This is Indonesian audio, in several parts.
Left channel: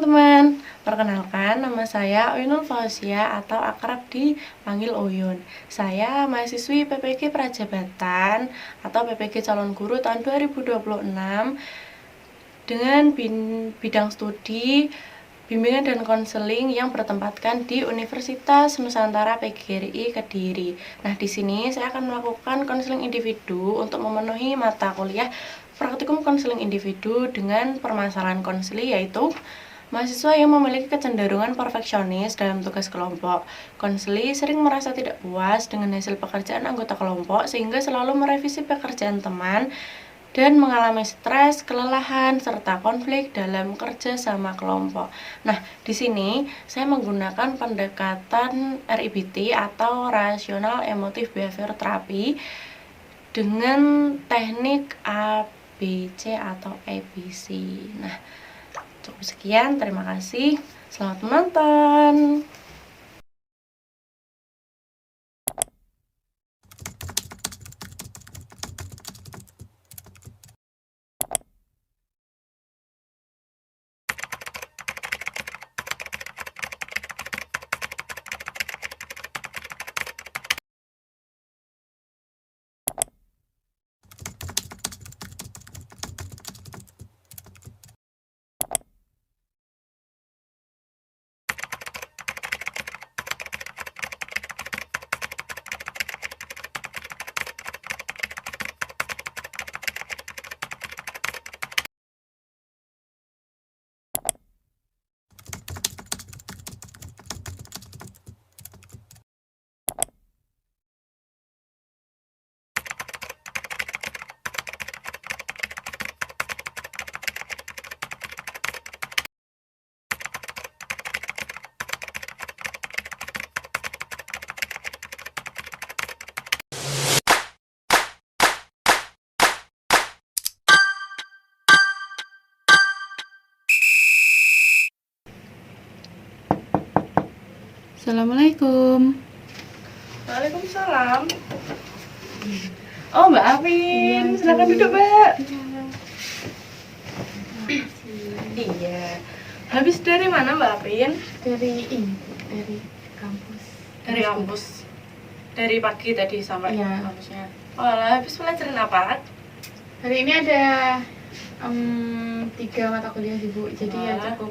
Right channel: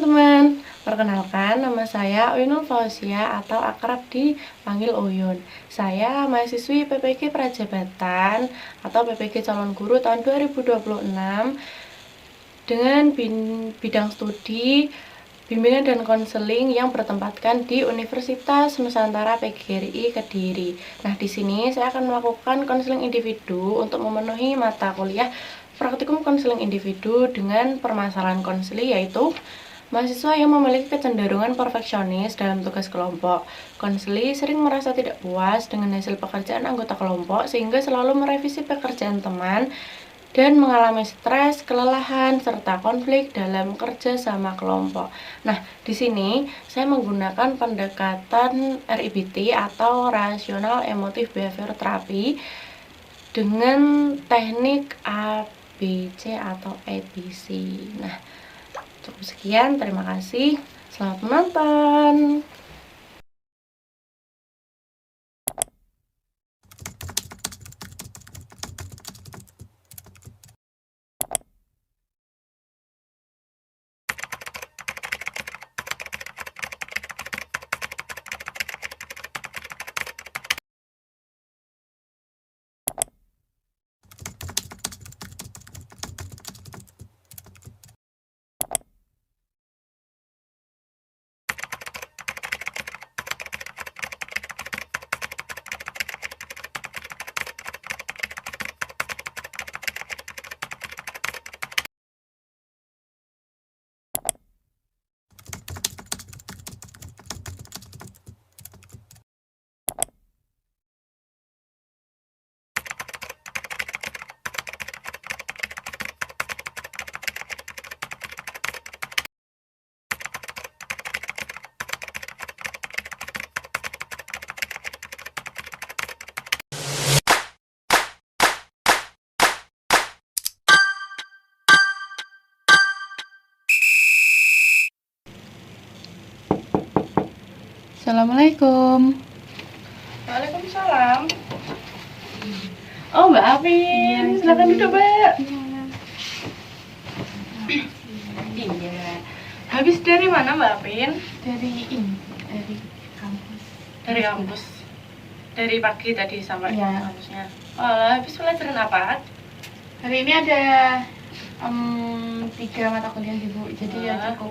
teman-teman, perkenalkan nama saya Uyunul Fauzia atau akrab dipanggil Uyun. Saya mahasiswi PPG Prajabatan atau PPG Calon Guru tahun 2026 dengan bidang studi bimbingan dan konseling yang bertempatkan di Universitas Nusantara PGRI Kediri. Nah, di sini saya akan melakukan konseling individu untuk memenuhi mata kuliah praktikum konseling individu dengan permasalahan konseli, yaitu mahasiswa yang memiliki kecenderungan perfeksionis dalam tugas kelompok. Konseli sering merasa tidak puas dengan hasil pekerjaan anggota kelompok sehingga selalu merevisi pekerjaan teman dan mengalami stres, kelelahan, serta konflik dalam kerja sama kelompok. Nah, di sini saya menggunakan pendekatan REBT atau Rational Emotive Behavior Therapy dengan teknik ABC atau ABC. Nah, cukup sekian, terima kasih. Selamat menonton. Assalamualaikum. Waalaikumsalam. Oh, Mbak Afin, silakan duduk, Mbak. Iya. Habis dari mana, Mbak Afin? Dari kampus. Dari kampus. Dari pagi tadi sampai Iya. kampusnya. Wah, habis pelajaran apa? Hari ini ada 3 mata kuliah sih, Bu. Jadi ya Wah. cukup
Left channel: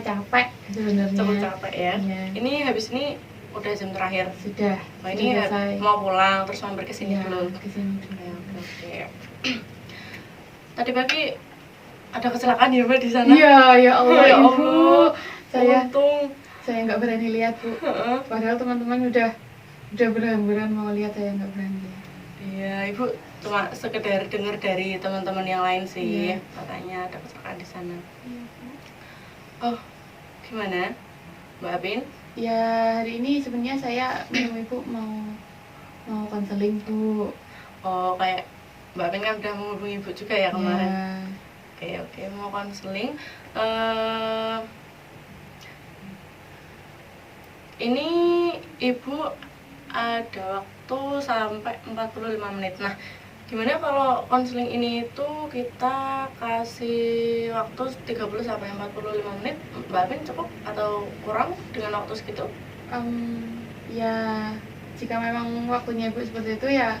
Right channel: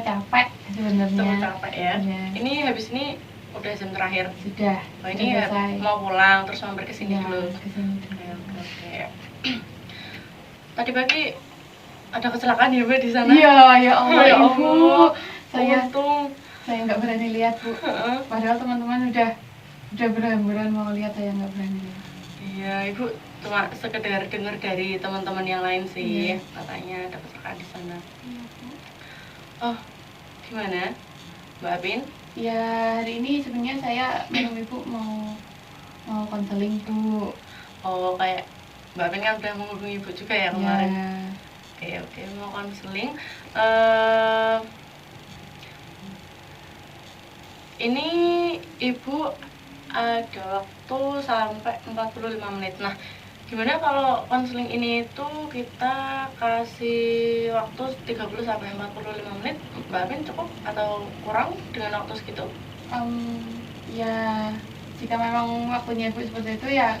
capek sebenarnya. Cukup capek ya. Iya. Ini habis ini udah jam terakhir. Sudah. Wah, ini selesai. mau pulang terus mampir ke sini Iya, dulu. kesini dulu. Oke. Tadi pagi ada kecelakaan ya, Mbak, di sana? Iya, ya Allah, Ya Ibu. Allah. Saya Untung. nggak berani lihat, Bu. Padahal teman-teman udah berhamburan mau lihat, saya nggak berani lihat. Iya, Ibu cuma sekedar dengar dari teman-teman yang lain sih, Iya. katanya ada kecelakaan di sana. Iya, Bu. Oh, gimana, Mbak Apin? Ya, hari ini sebenarnya saya dengan Ibu mau konseling, Bu. Oh, kayak Mbak Apin kan udah menghubungi Ibu juga ya kemarin. Oke, mau konseling. Ini Ibu ada waktu sampai 45 menit. Nah, gimana kalau konseling ini itu kita kasih waktu 30 sampai 45 menit? Mbak Apin cukup atau kurang dengan waktu segitu? Ya, jika memang waktunya Bu seperti itu ya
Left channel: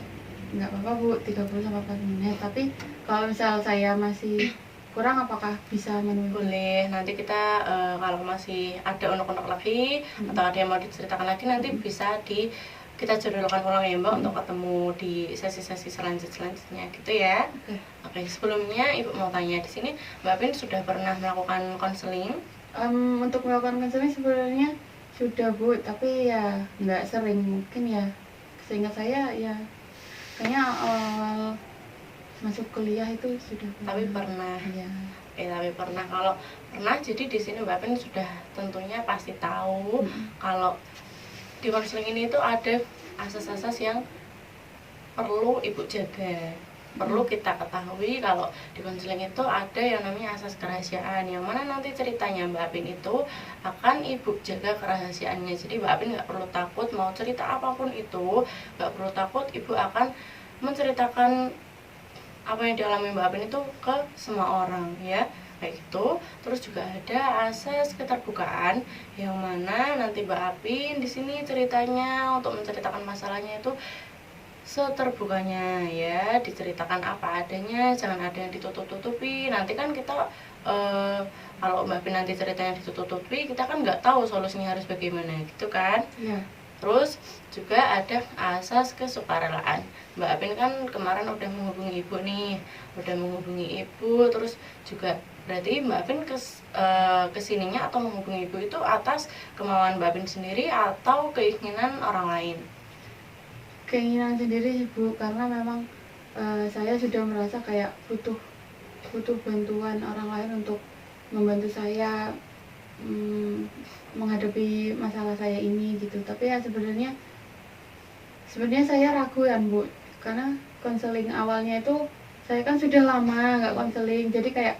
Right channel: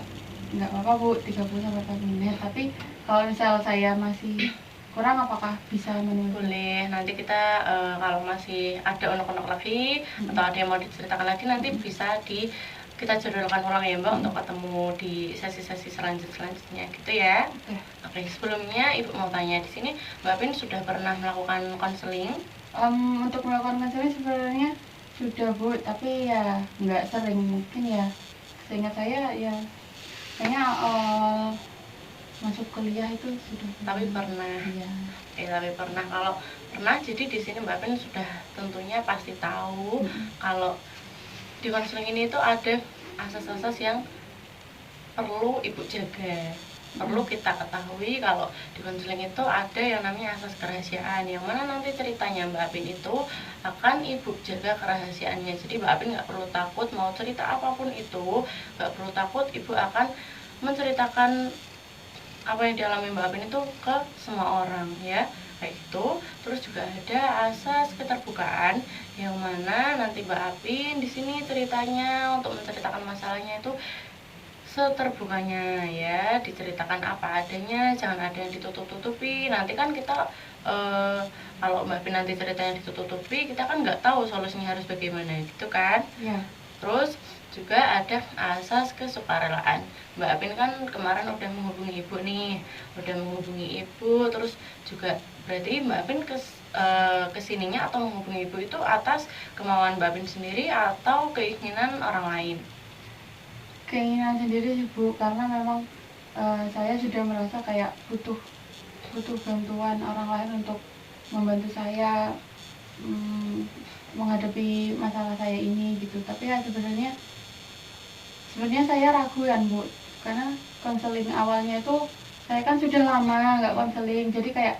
nggak apa-apa, Bu, 30 sampai 40 menit. Tapi kalau misal saya masih kurang, apakah bisa menunggu? Boleh, nanti kita kalau masih ada unek-unek lagi atau ada yang mau diceritakan lagi, nanti bisa kita jadwalkan ulang ya, Mbak, untuk ketemu di sesi-sesi selanjutnya gitu ya. Oke, sebelumnya Ibu mau tanya, di sini Mbak Apin sudah pernah melakukan konseling? Untuk melakukan konseling sebenarnya sudah, Bu, tapi ya nggak sering. Mungkin ya seingat saya ya kayaknya awal masuk kuliah itu sudah. Tapi pernah. Iya. Tapi pernah. Kalau pernah, jadi di sini Mbak Apin sudah tentunya pasti tahu kalau di konseling ini itu ada asas-asas yang perlu Ibu jaga. Perlu kita ketahui kalau di konseling itu ada yang namanya asas kerahasiaan, yang mana nanti ceritanya Mbak Apin itu akan Ibu jaga kerahasiaannya. Jadi Mbak Apin nggak perlu takut mau cerita apapun itu, nggak perlu takut Ibu akan menceritakan apa yang dialami Mbak Apin itu ke semua orang ya. kayak gitu. Terus juga ada asas keterbukaan yang mana nanti Mbak Apin di sini ceritanya untuk menceritakan masalahnya itu seterbukanya ya, diceritakan apa adanya, jangan ada yang ditutup-tutupi. Nanti kan kita kalau Mbak Apin nanti ceritanya ditutup-tutupi, kita kan nggak tahu solusinya harus bagaimana gitu kan. Ya. Terus juga ada asas kesukarelaan. Mbak Apin kan kemarin udah menghubungi ibu nih, terus juga berarti Mbak Apin kesininya atau menghubungi ibu itu atas kemauan Mbak Apin sendiri atau keinginan orang lain? Keinginan sendiri sih Bu, karena memang saya sudah merasa kayak butuh bantuan orang lain untuk membantu saya menghadapi masalah saya ini gitu. Tapi ya sebenarnya saya ragu ya Bu, karena konseling awalnya itu saya kan sudah lama nggak konseling, jadi kayak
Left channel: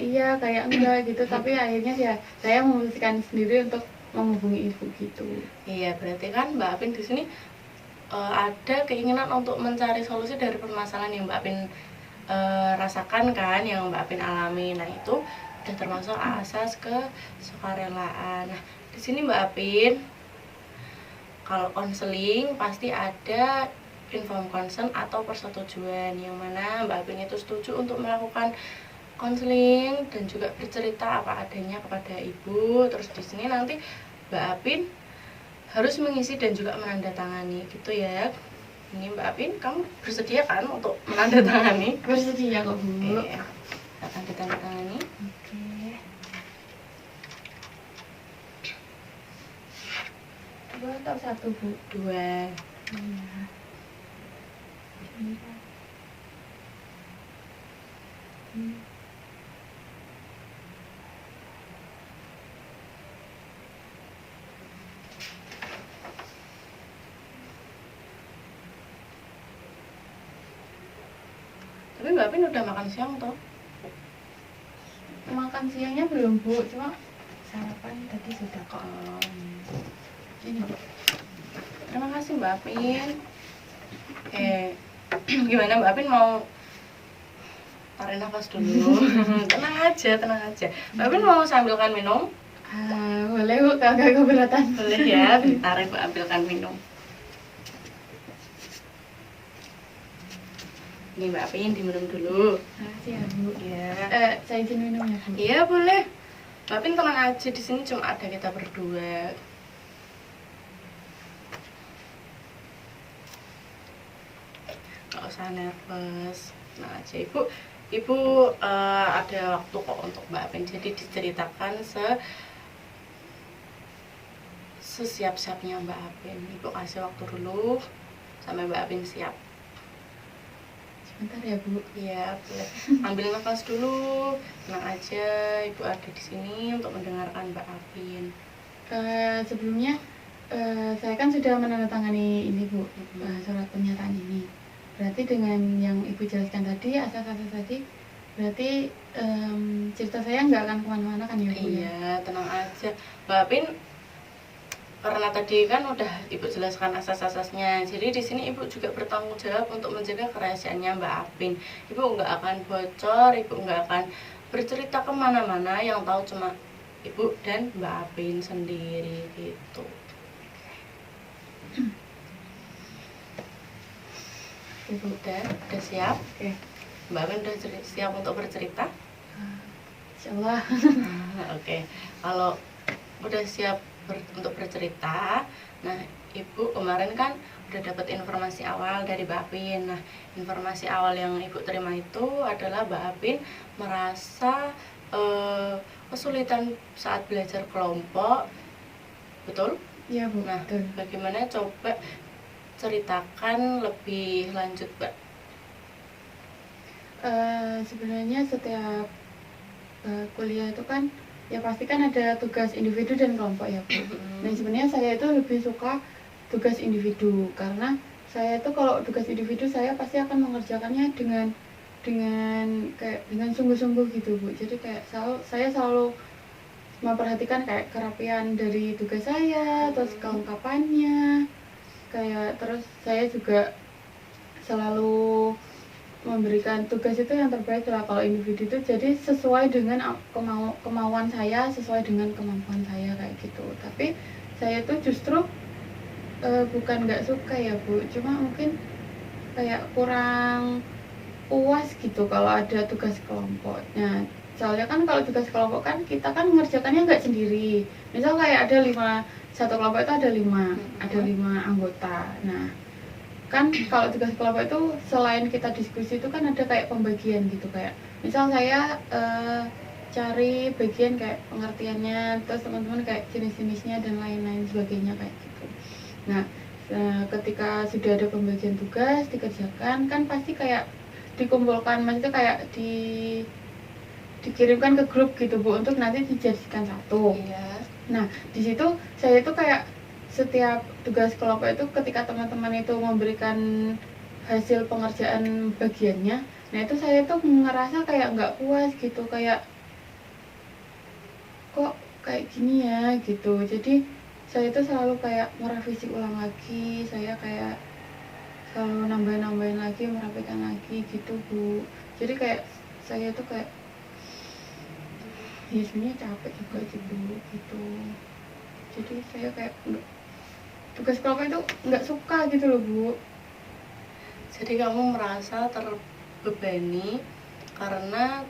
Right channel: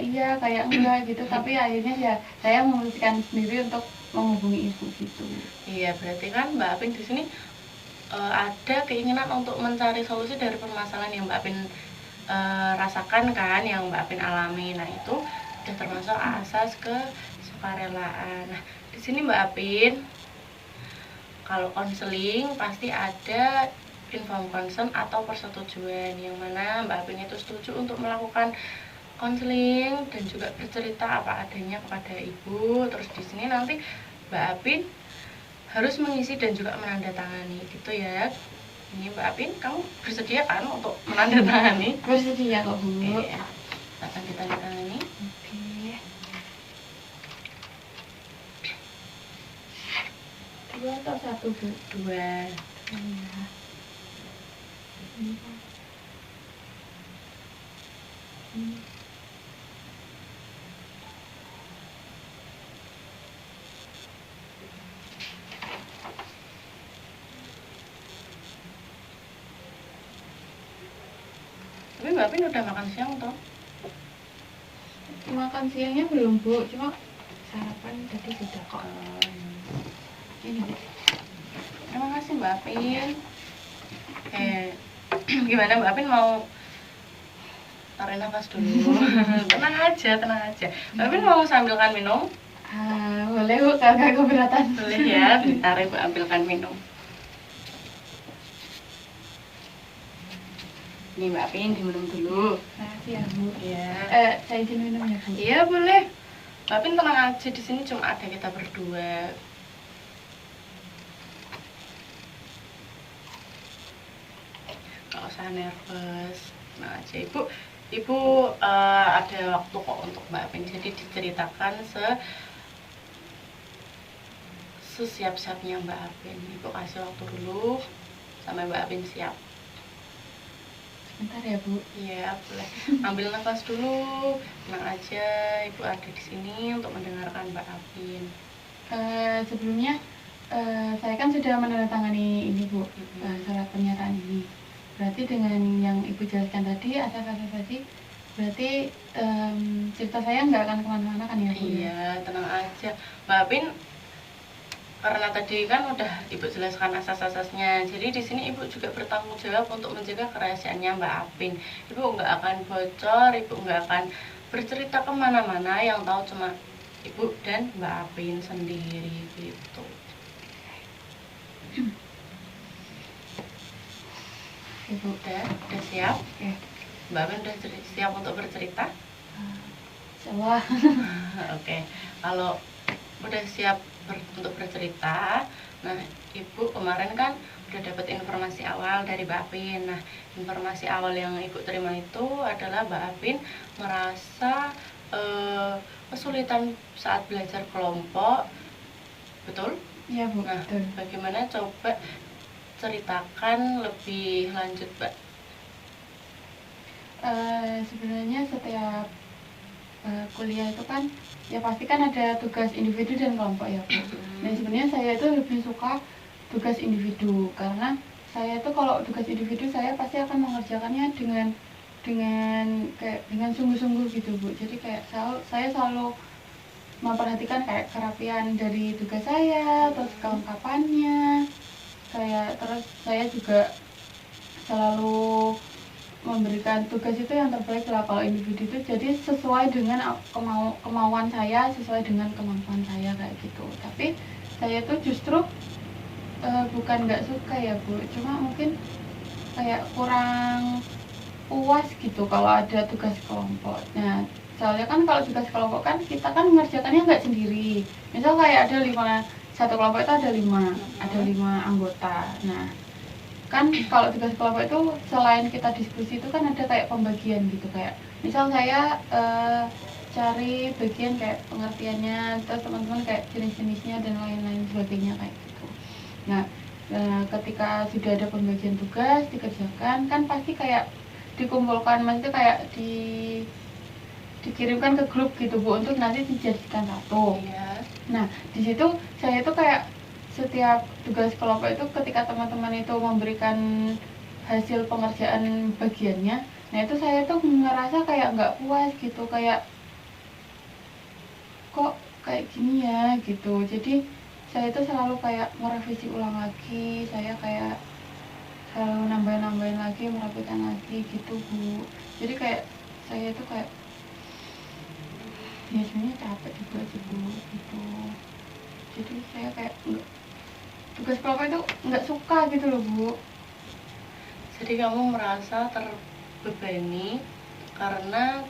iya kayak enggak gitu. Tapi akhirnya ya saya memutuskan sendiri untuk menghubungi ibu gitu. Iya, berarti kan Mbak Apin di sini ada keinginan untuk mencari solusi dari permasalahan yang Mbak Apin rasakan kan, yang Mbak Apin alami. Nah itu udah termasuk asas kesukarelaan. Nah di sini Mbak Apin kalau konseling pasti ada inform consent atau persetujuan, yang mana Mbak Apin itu setuju untuk melakukan konseling dan juga bercerita apa adanya kepada ibu. Terus di sini nanti Mbak Apin harus mengisi dan juga menandatangani gitu ya. Ini Mbak Apin, kamu bersedia kan untuk menandatangani? Bersedia kok Bu. Iya, akan ditandatangani. Oke. Dua atau satu Bu? Dua. Iya. Ini kan. Tapi Mbak Apin udah makan siang toh? Makan siangnya belum Bu, cuma sarapan tadi sudah kok. Ini Bu. Terima kasih Mbak Apin. Gimana Mbak Apin, mau tarik nafas dulu? tenang aja. Mbak Apin mau sambilkan minum? Boleh Bu, kagak keberatan. Boleh ya, ditarik Mbak ambilkan minum. Nih Mbak Apin, diminum dulu. Makasih ya Bu. Ya. Saya izin minum ya Bu. Iya boleh. Mbak Apin tenang aja, di sini cuma ada kita berdua. Gak usah nervous, tenang aja. Ibu ada waktu kok untuk Mbak Apin, jadi diceritakan sesiap-siapnya Mbak Apin. Ibu kasih waktu dulu sampai Mbak Apin siap. Bentar ya Bu. Iya boleh. Ambil nafas dulu, tenang aja. Ibu ada di sini untuk mendengarkan Mbak Apin. Sebelumnya saya kan sudah menandatangani ini Bu, surat pernyataan ini. Berarti dengan yang Ibu jelaskan tadi, asas-asas tadi, berarti cerita saya nggak akan kemana-mana kan ya Bu? Iya, tenang aja Mbak Apin. Karena tadi kan udah Ibu jelaskan asas-asasnya, jadi di sini Ibu juga bertanggung jawab untuk menjaga kerahasiaannya Mbak Apin. Ibu nggak akan bocor, Ibu nggak akan bercerita kemana-mana, yang tahu cuma Ibu dan Mbak Apin sendiri gitu. Udah siap? Oke. Mbak Apin udah siap untuk bercerita? Insyaallah. Oke, kalau udah siap untuk bercerita, nah Ibu kemarin kan udah dapat informasi awal dari Mbak Apin. Nah informasi awal yang Ibu terima itu adalah Mbak Apin merasa kesulitan saat belajar kelompok, betul? Iya Bu. Nah Betul. bagaimana, coba ceritakan lebih lanjut Mbak. Sebenarnya setiap kuliah itu kan ya pasti kan ada tugas individu dan kelompok ya Bu. Dan sebenarnya saya itu lebih suka tugas individu, karena saya itu kalau tugas individu saya pasti akan mengerjakannya dengan sungguh-sungguh gitu Bu. Jadi kayak saya selalu memperhatikan kayak kerapian dari tugas saya, terus kelengkapannya, kayak terus saya juga selalu memberikan tugas itu yang terbaik lah kalau individu itu, jadi sesuai dengan kemauan saya, sesuai dengan kemampuan saya kayak gitu. Tapi saya itu justru bukan nggak suka ya Bu, cuma mungkin kayak kurang puas gitu kalau ada tugas kelompok. Nah, soalnya kan kalau tugas kelompok kan kita kan mengerjakannya nggak sendiri. Misal kayak ada 5, satu kelompok itu ada 5 anggota. Nah, kan kalau tugas kelompok itu selain kita diskusi itu kan ada kayak pembagian gitu, kayak misal saya cari bagian kayak pengertiannya, terus teman-teman kayak jenis-jenisnya dan lain-lain sebagainya kayak gitu. Nah, ketika sudah ada pembagian tugas dikerjakan kan pasti kayak dikumpulkan, maksudnya kayak dikirimkan ke grup gitu Bu, untuk nanti dijadikan satu. Iya. Nah, di situ saya tuh kayak setiap tugas kelompok itu ketika teman-teman itu memberikan hasil pengerjaan bagiannya, nah itu saya tuh ngerasa kayak nggak puas gitu, kayak kok kayak gini ya gitu. Jadi saya itu selalu kayak merevisi ulang lagi, saya kayak selalu nambahin lagi, merapikan lagi gitu Bu. Jadi kayak saya itu kayak ya sebenarnya capek juga gitu. Jadi saya kayak tugas kelompok itu nggak suka gitu loh Bu. Jadi kamu merasa terbebani karena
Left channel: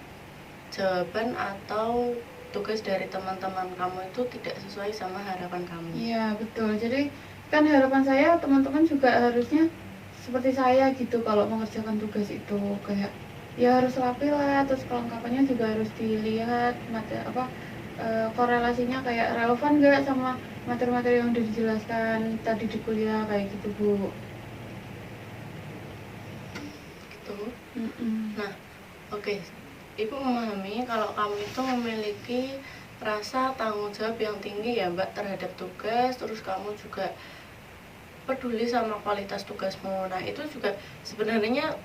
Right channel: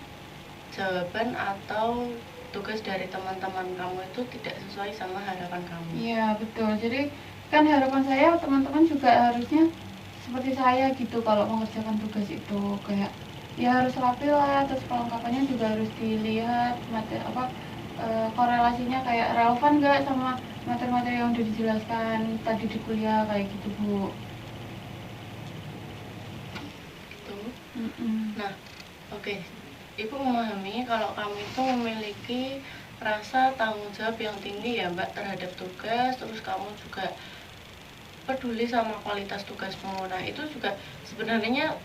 jawaban atau tugas dari teman-teman kamu itu tidak sesuai sama harapan kamu. Iya betul. Jadi kan harapan saya teman-teman juga harusnya seperti saya gitu, kalau mengerjakan tugas itu kayak ya harus rapi lah, terus kelengkapannya juga harus dilihat korelasinya kayak relevan nggak sama materi-materi yang udah dijelaskan tadi di kuliah kayak gitu Bu. Gitu. Mm-mm. Nah, oke. Ibu memahami kalau kamu itu memiliki rasa tanggung jawab yang tinggi ya Mbak terhadap tugas, terus kamu juga peduli sama kualitas tugasmu. Nah, itu juga sebenarnya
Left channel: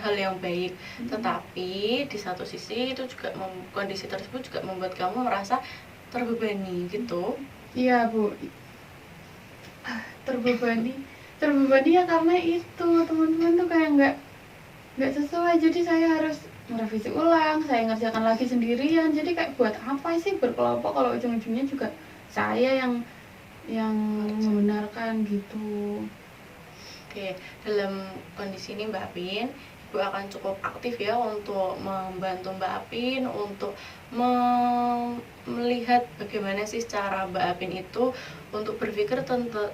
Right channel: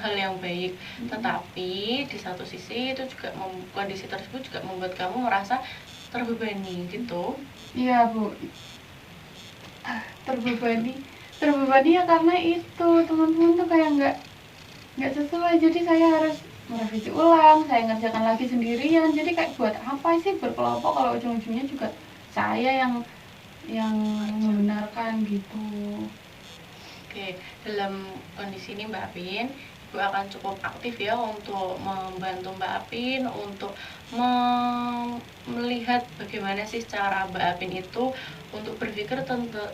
hal yang baik. Tetapi di satu sisi itu juga kondisi tersebut juga membuat kamu merasa terbebani gitu. Iya Bu. Terbebani ya karena itu teman-teman tuh kayak nggak sesuai, jadi saya harus merevisi ulang, saya ngerjakan lagi sendirian. Jadi kayak buat apa sih berkelompok kalau ujung-ujungnya juga saya yang membenarkan gitu. Oke, dalam kondisi ini Mbak Apin, Ibu akan cukup aktif ya untuk membantu Mbak Apin untuk melihat bagaimana sih cara Mbak Apin itu untuk berpikir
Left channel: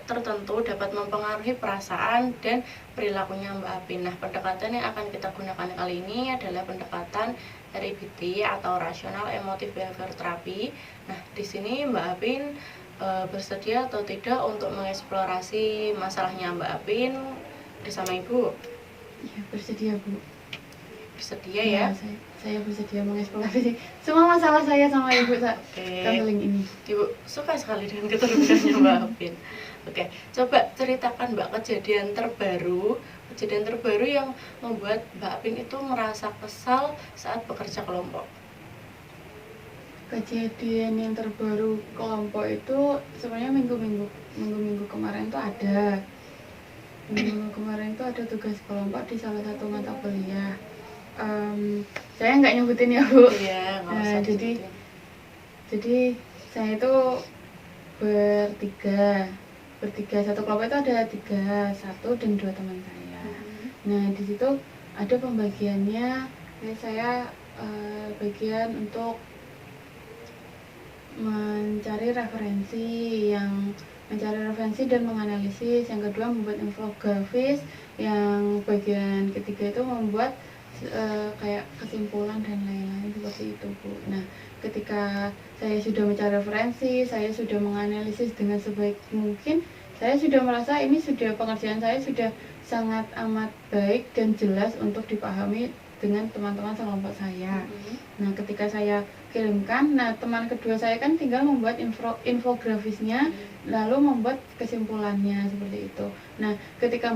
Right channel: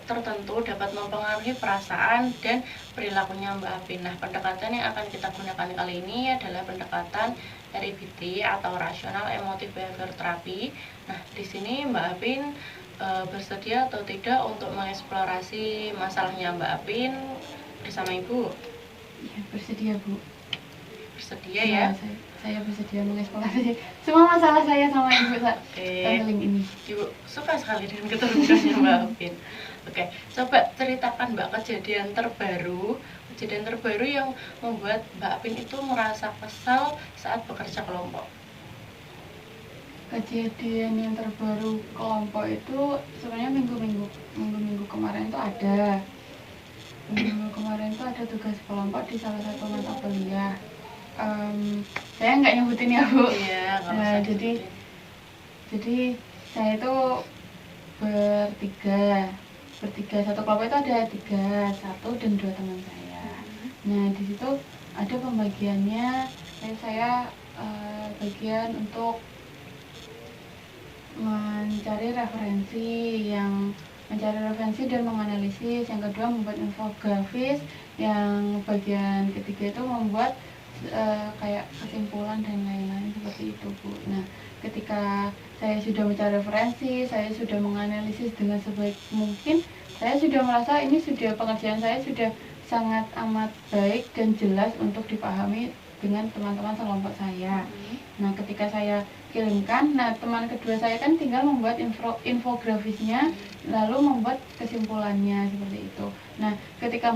tertentu dapat mempengaruhi perasaan dan perilakunya Mbak Apin. Nah, pendekatan yang akan kita gunakan kali ini adalah pendekatan REBT atau Rational Emotive Behavior Therapy. Nah, di sini Mbak Apin bersedia atau tidak untuk mengeksplorasi masalahnya Mbak Apin bersama Ibu? Iya bersedia Bu. Bersedia ya? Saya bersedia mengeksplorasi semua masalah saya sama Ibu saat counseling ini. Ibu suka sekali dengan keterbukaannya Mbak Apin. Oke, coba ceritakan Mbak kejadian terbaru yang membuat Mbak Apin itu merasa kesal saat bekerja kelompok. Kejadian yang terbaru kelompok itu sebenarnya minggu kemarin tuh ada. Minggu kemarin tuh ada tugas kelompok di salah satu mata kuliah. Saya nggak nyebutin ya Bu. Iya, nggak usah disebutin. Jadi saya itu bertiga, satu kelompok itu ada 3, 1 dan 2 teman saya. Nah di situ ada pembagiannya, dan saya bagian untuk mencari referensi dan menganalisis. Yang kedua membuat infografis. Yang bagian ketiga itu membuat kayak kesimpulan dan lain-lain seperti itu Bu. Nah ketika saya sudah mencari referensi, saya sudah menganalisis dengan sebaik mungkin, saya sudah merasa ini pengerjaan saya sudah sangat amat baik dan jelas untuk dipahami dengan teman-teman sekelompok saya. Nah ketika saya kirimkan, nah teman kedua saya kan tinggal membuat infografisnya, lalu membuat kesimpulannya seperti itu. Nah ketika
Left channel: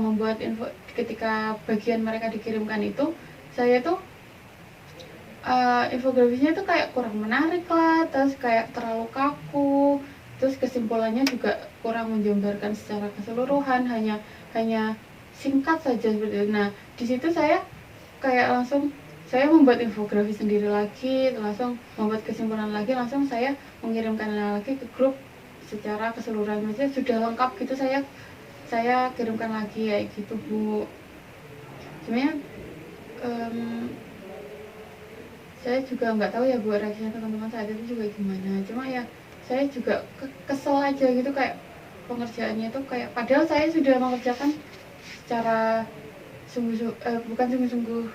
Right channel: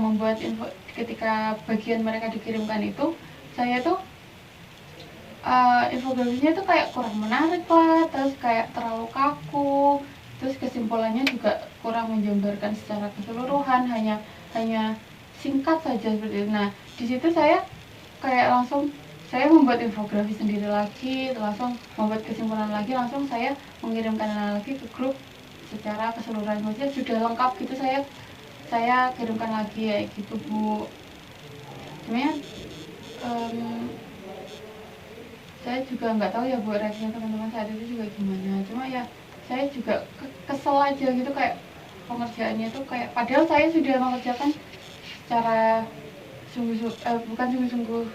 bagian mereka dikirimkan itu, saya tuh infografisnya tuh kayak kurang menarik lah, terus kayak terlalu kaku, terus kesimpulannya juga kurang menjabarkan secara keseluruhan, hanya singkat saja seperti itu. Nah di situ saya kayak langsung saya membuat infografi sendiri lagi, langsung membuat kesimpulan lagi, langsung saya mengirimkan lagi ke grup secara keseluruhan. Maksudnya sudah lengkap gitu, saya kirimkan lagi ya gitu Bu. Sebenarnya saya juga nggak tahu ya Bu reaksinya teman-teman saat itu juga gimana. Cuma ya saya juga kesel aja gitu, kayak pengerjaannya tuh kayak padahal saya sudah mengerjakan secara bukan sungguh-sungguh,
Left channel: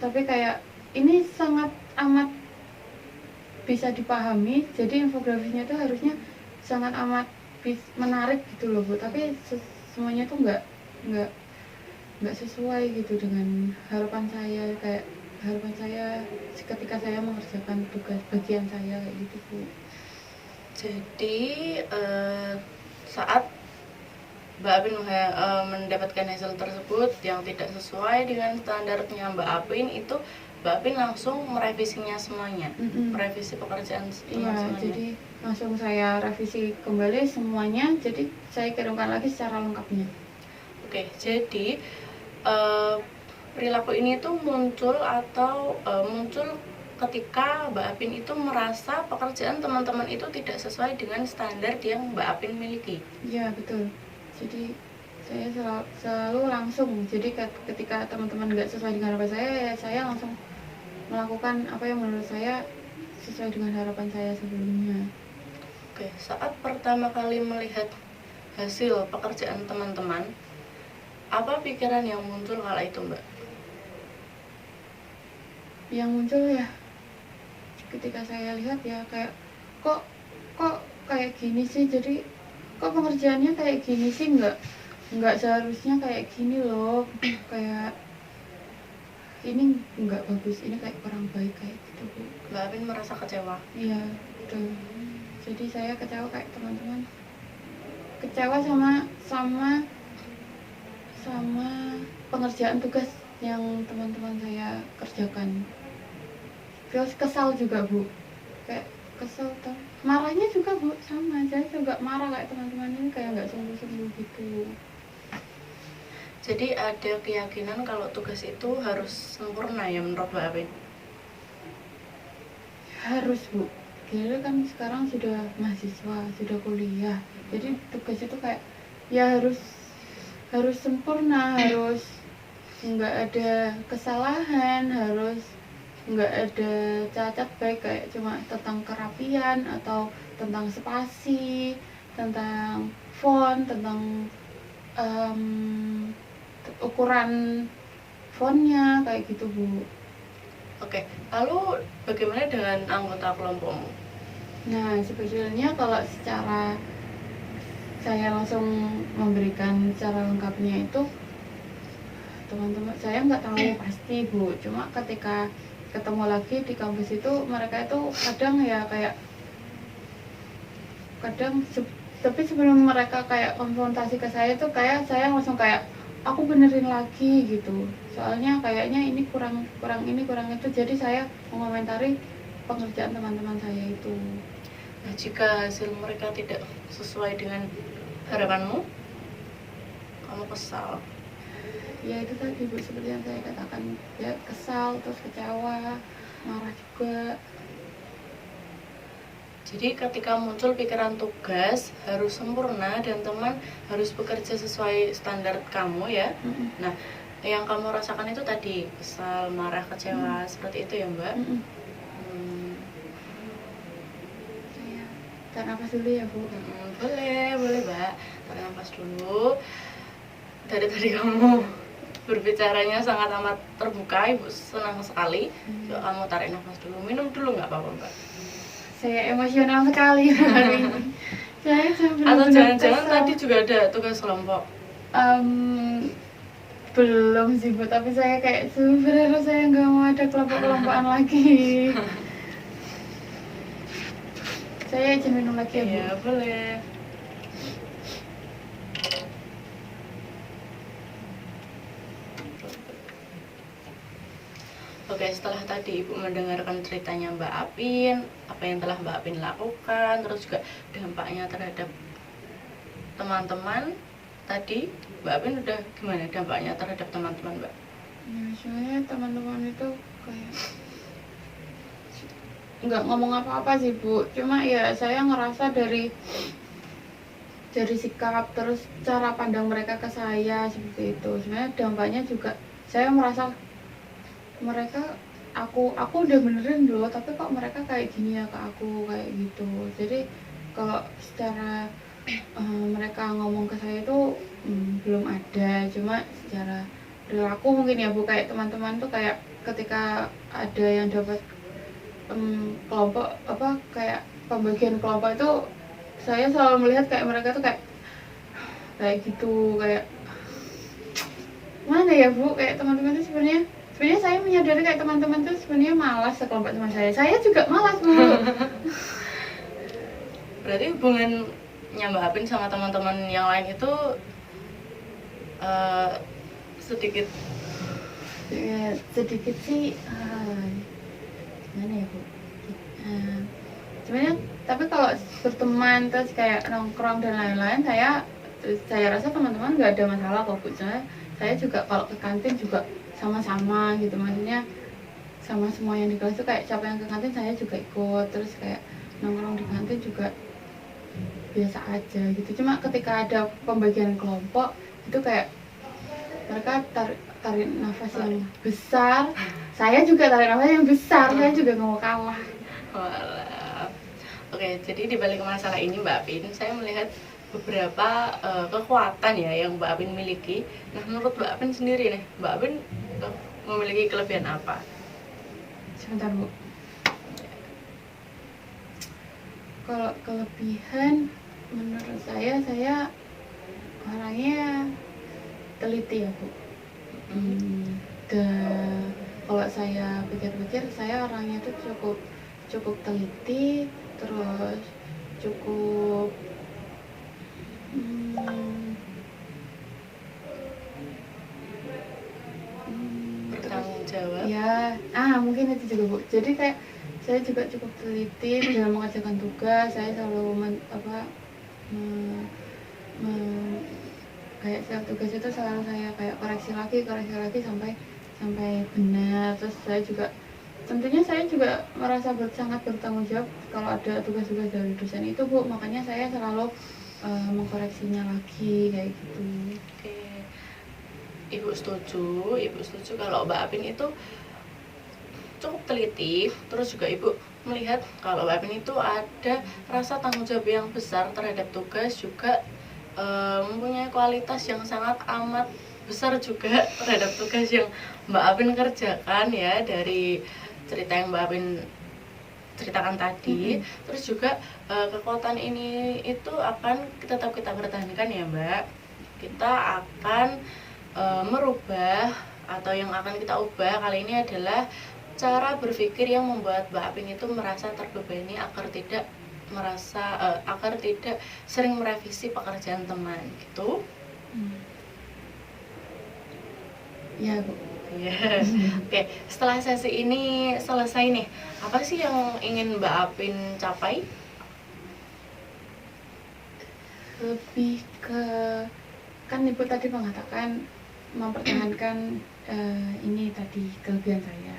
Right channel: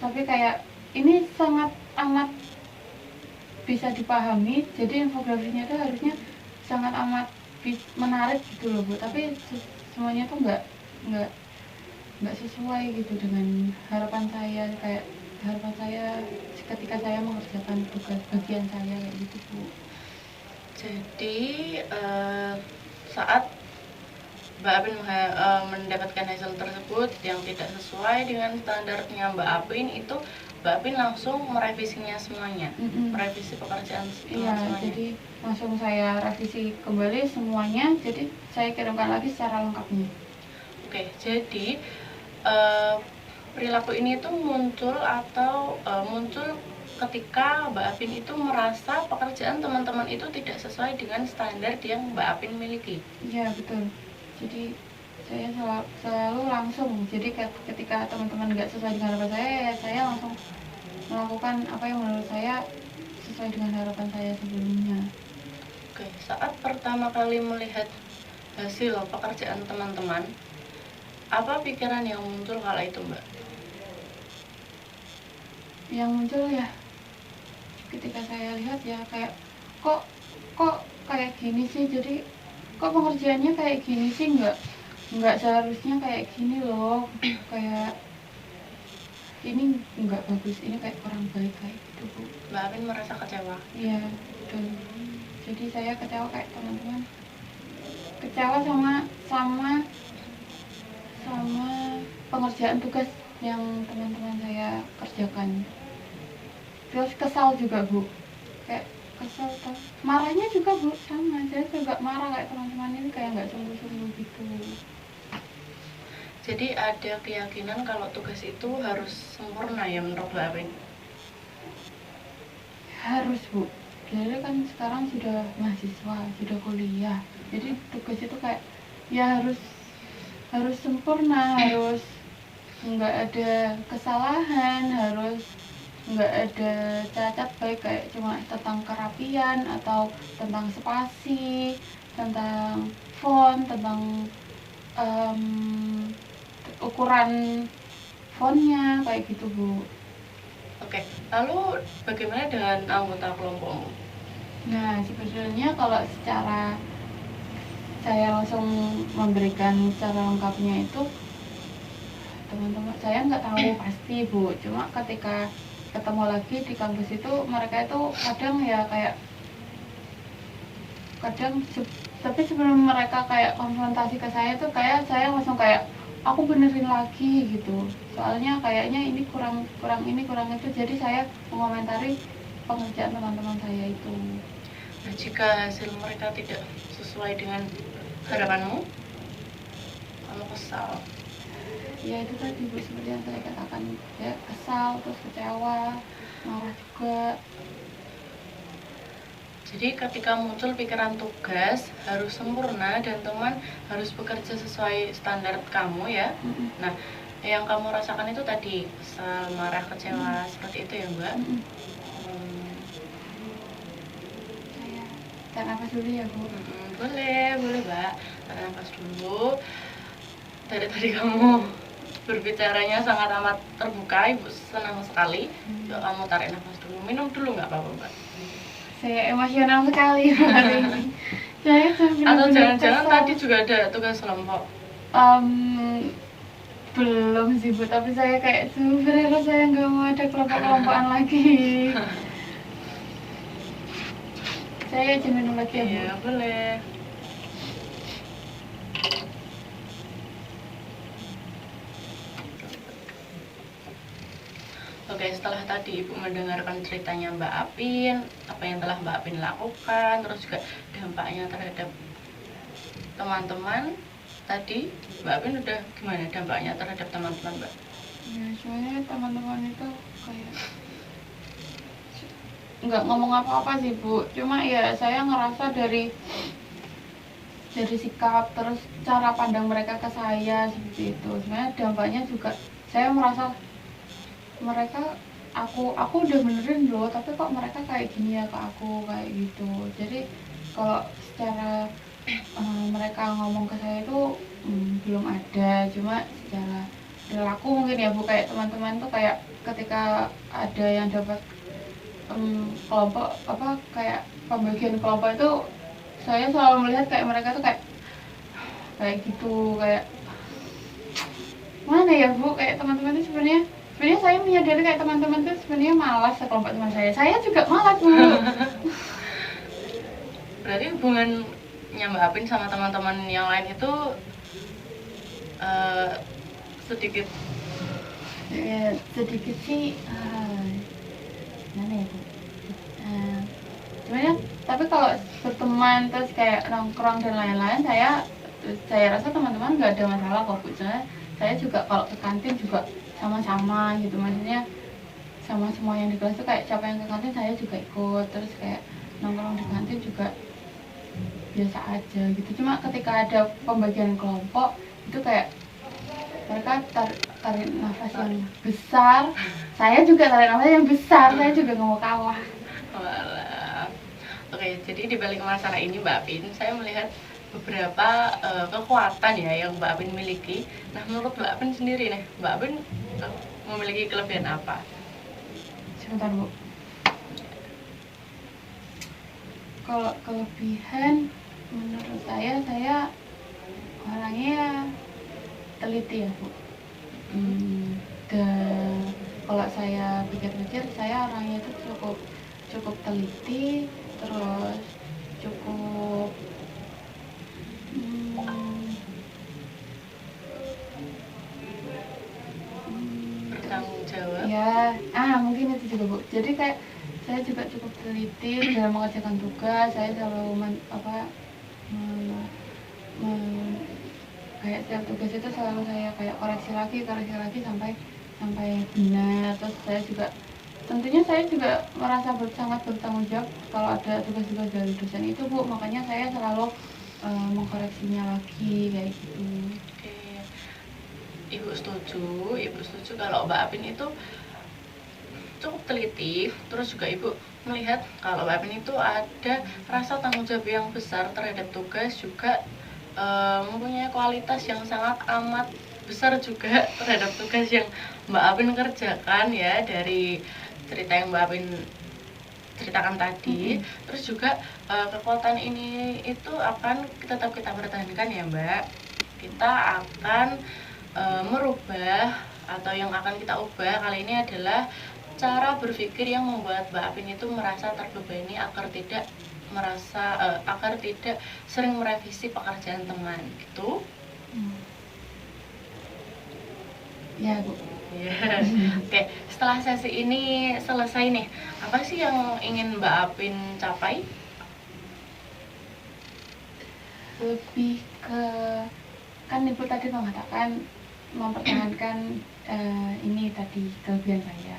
tapi kayak ini sangat amat bisa dipahami, jadi infografinya tuh harusnya sangat amat menarik gitu loh Bu, tapi semuanya tuh nggak sesuai gitu dengan harapan saya, kayak harapan saya ketika saya mengerjakan tugas bagian saya kayak gitu Bu. Jadi saat Mbak Apin mendapatkan hasil tersebut yang tidak sesuai dengan standarnya Mbak Apin, itu Mbak Apin langsung merevisinya semuanya, merevisi pekerjaan semuanya. Jadi langsung saya revisi kembali semuanya, jadi saya kirimkan lagi secara lengkapnya. Oke, jadi perilaku ini tuh muncul ketika Mbak Apin itu merasa pekerjaan teman-teman itu tidak sesuai dengan standar yang Mbak Apin miliki. Iya betul. Jadi saya selalu langsung, jadi ketika teman-teman nggak sesuai dengan harapan saya, ya saya langsung melakukan apa yang menurut saya sesuai dengan harapan saya sebelumnya. Oke, saat pertama kali melihat hasil pekerjaan teman-teman, apa pikiran yang muncul kala itu Mbak? Yang muncul ya ketika saya lihat ya kayak kok kayak gini sih, jadi kok pengerjaannya kayak gini sih, nggak seharusnya kayak gini loh, kayak ini nggak bagus, ini kayak kurang baik kayak gitu Bu. Mbak Apin merasa kecewa? Iya betul. Jadi saya kecewa kayak teman-teman, kecewa sama pengerjaan tugas yang teman-teman saya kerjakan. Terus kesal juga Bu, kayak kesel tuh, marahnya juga Bu sama, saya juga marah kayak teman-teman ini kayak nggak sungguh-sungguh gitu. Jadi ada keyakinan kalau tugas itu harus sempurna ya menurut Mbak Apin? Harus Bu, jadi kan sekarang sudah mahasiswa, sudah kuliah, jadi tugas itu kayak ya harus sempurna, harus nggak ada kesalahan, harus nggak ada cacat baik, kayak cuma tentang kerapian atau tentang spasi, tentang font, tentang ukuran fontnya kayak gitu Bu. Oke, lalu bagaimana dengan anggota kelompokmu? Nah sebetulnya kalau secara saya langsung memberikan secara lengkapnya itu, teman-teman saya nggak tahu pasti Bu, cuma ketika ketemu lagi di kampus itu mereka itu kadang ya kayak tapi sebelum mereka kayak konfrontasi ke saya tuh kayak saya langsung kayak aku benerin lagi gitu, soalnya kayaknya ini kurang itu, jadi saya mengomentari pengerjaan teman-teman saya itu. Nah, jika hasil mereka tidak sesuai dengan harapanmu, kamu kesal? Ya itu tadi Bu, seperti yang saya katakan, ya kesal, terus kecewa, marah juga. Jadi ketika muncul pikiran tugas harus sempurna dan teman harus bekerja sesuai standar kamu ya. Nah, yang kamu rasakan itu tadi kesal, marah, kecewa, seperti itu ya Mbak? Saya tarik nafas dulu ya Bu. Boleh Mbak, tarik nafas dulu. Dari tadi kamu berbicaranya sangat amat terbuka, Ibu senang sekali. Coba kamu tarik nafas dulu, minum dulu nggak apa-apa Mbak? Saya emosional sekali hari ini. Saya atau jangan-jangan tadi juga ada tugas kelompok? Belum sih Bu, tapi saya kayak sebenarnya saya nggak mau ada kelompok-kelompokan lagi. Saya izin minum lagi ya Bu? Iya boleh. Oke, setelah tadi Ibu mendengarkan ceritanya Mbak Apin, apa yang telah Mbak Apin lakukan, terus juga dampaknya terhadap teman-teman, tadi Mbak Apin udah gimana dampaknya terhadap teman-teman Mbak? Ya sebenarnya teman-teman itu kayak nggak ngomong apa-apa sih Bu, cuma ya saya ngerasa dari sikap terus cara pandang mereka ke saya seperti itu. Sebenarnya dampaknya juga saya merasa mereka aku udah benerin loh, tapi kok mereka kayak gini ya ke aku kayak gitu. Jadi kalau secara mereka ngomong ke saya itu belum ada, cuma secara perilaku mungkin ya Bu, kayak teman-teman tuh kayak ketika ada yang dapat kelompok apa kayak pembagian kelompok itu, saya selalu melihat kayak mereka tuh kayak gitu, kayak mana ya Bu, kayak teman-teman tuh sebenarnya saya menyadari kayak teman-teman tuh sebenarnya malas sekelompok teman saya juga malas Bu. Berarti hubungannya Mbak Apin sama teman-teman yang lain itu sedikit Ya, sedikit sih gimana ya Bu, sebenarnya tapi kalau berteman terus kayak nongkrong dan lain-lain, saya rasa teman-teman nggak ada masalah kok Bu. Saya juga kalau ke kantin juga sama-sama gitu, maksudnya sama semua yang di kelas tuh kayak siapa yang ke kantin saya juga ikut, terus kayak nongkrong di kantin juga biasa aja gitu. Cuma ketika ada pembagian kelompok itu kayak mereka tarik nafas yang besar, saya juga tarik nafas yang besar, saya juga nggak mau kalah. Walah. Oke, jadi di balik masalah ini Mbak Apin, saya melihat beberapa kekuatan ya yang Mbak Apin miliki. Nah, menurut Mbak Apin sendiri nih, Mbak Apin memiliki kelebihan apa? Sebentar Bu, kalau kelebihan menurut saya orangnya teliti ya Bu. Dan kalau saya pikir-pikir, saya orangnya itu cukup teliti, terus cukup Bertanggung jawab. ya mungkin itu juga Bu. Jadi kayak saya juga cukup teliti dalam mengerjakan tugas. Saya selalu kayak setiap tugas itu selalu saya kayak koreksi lagi sampai benar. Terus saya juga tentunya saya juga merasa sangat bertanggung jawab kalau ada tugas-tugas dari dosen itu Bu, makanya saya selalu mengkoreksinya lagi kayak gitu. Oke. Ibu setuju kalau Mbak Apin itu cukup teliti, terus juga Ibu melihat kalau Mbak Apin itu ada rasa tanggung jawab yang besar terhadap tugas, juga mempunyai kualitas yang sangat amat besar juga terhadap tugas yang Mbak Apin kerjakan ya, dari cerita yang Mbak Apin ceritakan tadi. Terus juga kekuatan ini itu akan tetap kita pertahankan ya Mbak. Kita akan merubah, atau yang akan kita ubah kali ini adalah cara berpikir yang membuat Mbak Apin itu merasa terbebani agar tidak sering merevisi pekerjaan teman gitu. Ya Bu. Ya. Oke, setelah sesi ini selesai nih, apa sih yang ingin Mbak Apin capai? Lebih ke, kan Ibu tadi mengatakan mempertahankan ini tadi kelebihan saya.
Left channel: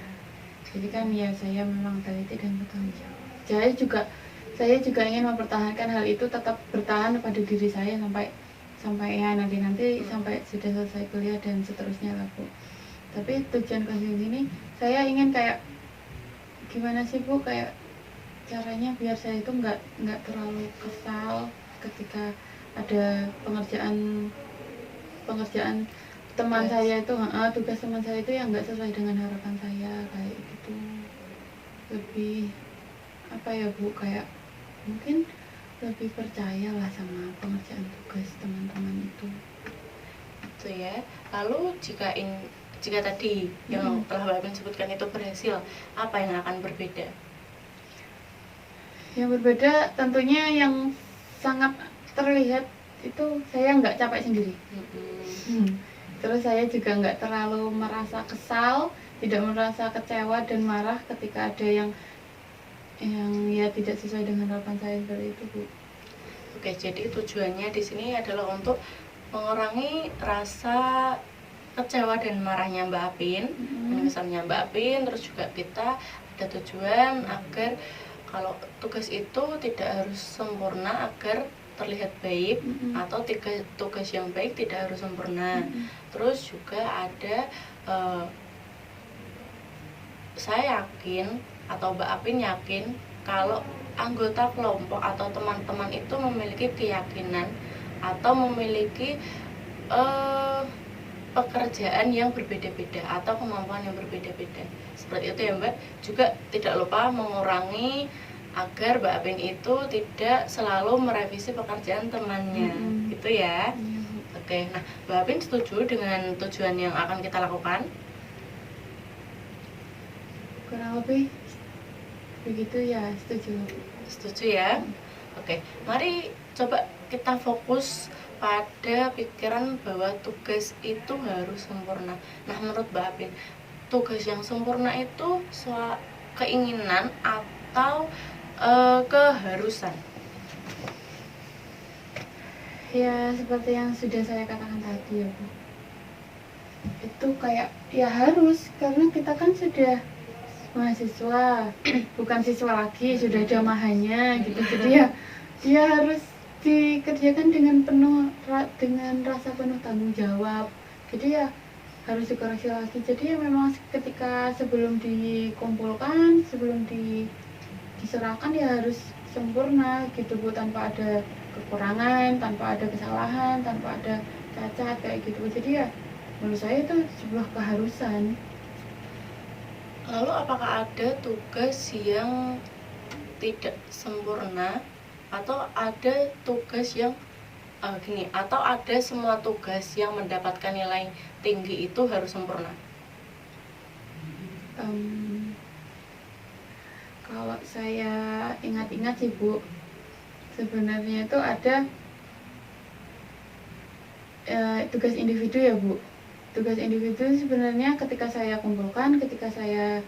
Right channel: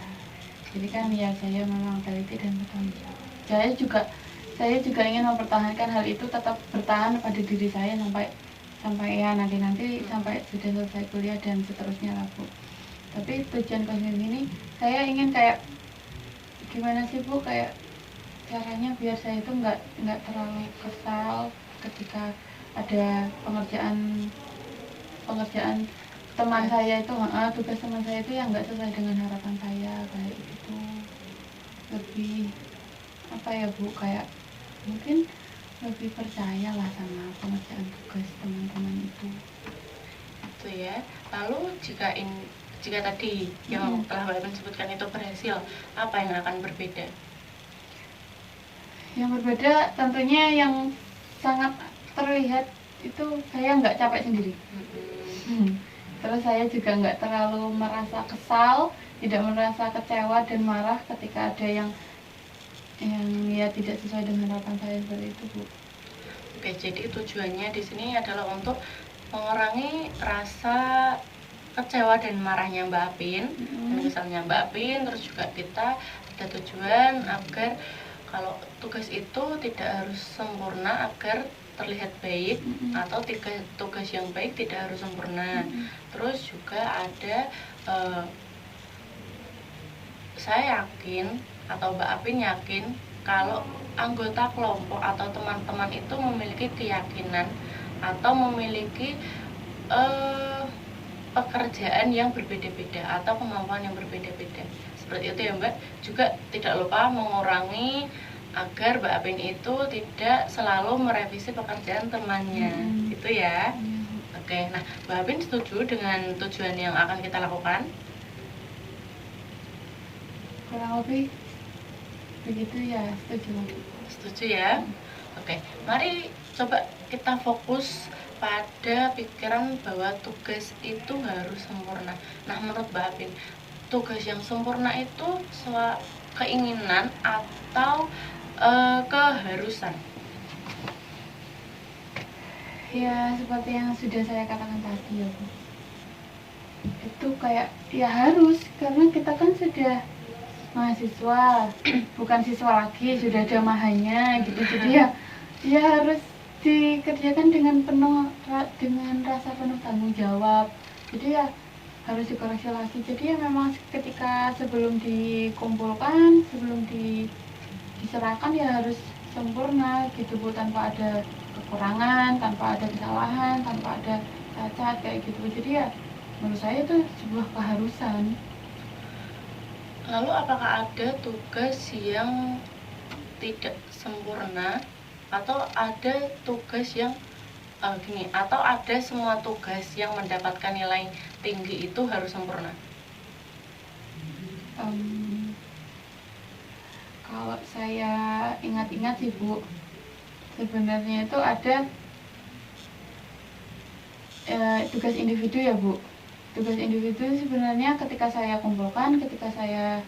Jadi kan ya saya memang teliti dan bertanggung jawab. Saya juga ingin mempertahankan hal itu, tetap bertahan pada diri saya sampai ya nanti sampai sudah selesai kuliah dan seterusnya lah Bu. Tapi tujuan kasus ini saya ingin kayak gimana sih Bu, kayak caranya biar saya itu nggak terlalu kesal ketika ada pengerjaan teman saya itu, tugas teman saya itu yang nggak sesuai dengan harapan saya kayak gitu. Lebih apa ya Bu, kayak mungkin lebih percaya lah sama pengerjaan tugas teman-teman itu. Itu ya. Lalu jika tadi yang telah Mbak Apin sebutkan itu berhasil, apa yang akan berbeda? Yang berbeda tentunya yang sangat terlihat itu saya nggak capek sendiri. Terus saya juga nggak terlalu merasa kesal, tidak merasa kecewa dan marah ketika ada yang ya tidak sesuai dengan harapan saya seperti itu Bu. Oke, jadi tujuannya di sini adalah untuk mengurangi rasa kecewa dan marahnya Mbak Apin, dan kesannya Mbak Apin, terus juga kita ada tujuan agar kalau tugas itu tidak harus sempurna agar terlihat baik, atau tugas yang baik tidak harus sempurna. Terus juga ada saya yakin atau Mbak Apin yakin kalau anggota kelompok atau teman-teman itu memiliki keyakinan atau memiliki pekerjaan yang berbeda-beda atau kemampuan yang berbeda-beda. Seperti itu ya Mbak. Juga tidak lupa mengurangi agar Mbak Apin itu tidak selalu merevisi pekerjaan temannya. Gitu ya. Oke, nah Mbak Apin setuju dengan tujuan yang akan kita lakukan? Kurang lebih begitu ya, setuju. Setuju ya? Oke, mari coba kita fokus pada pikiran bahwa tugas itu harus sempurna. Nah, menurut Mbak Apin, tugas yang sempurna itu keinginan atau keharusan? Ya, seperti yang sudah saya katakan tadi ya Bu, itu kayak ya harus, karena kita kan sudah mahasiswa, bukan siswa lagi, sudah ada mahanya gitu. Jadi ya dia harus dikerjakan dengan dengan rasa penuh tanggung jawab. Jadi ya harus dikoreksi lagi. Jadi ya memang ketika sebelum dikumpulkan, sebelum diserahkan ya harus sempurna gitu Bu, tanpa ada kekurangan, tanpa ada kesalahan, tanpa ada cacat kayak gitu. Jadi ya menurut saya itu sebuah keharusan. Lalu apakah ada tugas yang tidak sempurna atau ada tugas yang atau ada semua tugas yang mendapatkan nilai tinggi itu harus sempurna? Kalau saya ingat-ingat sih Bu, sebenarnya itu ada tugas individu ya Bu. Tugas individu sebenarnya ketika saya kumpulkan, ketika saya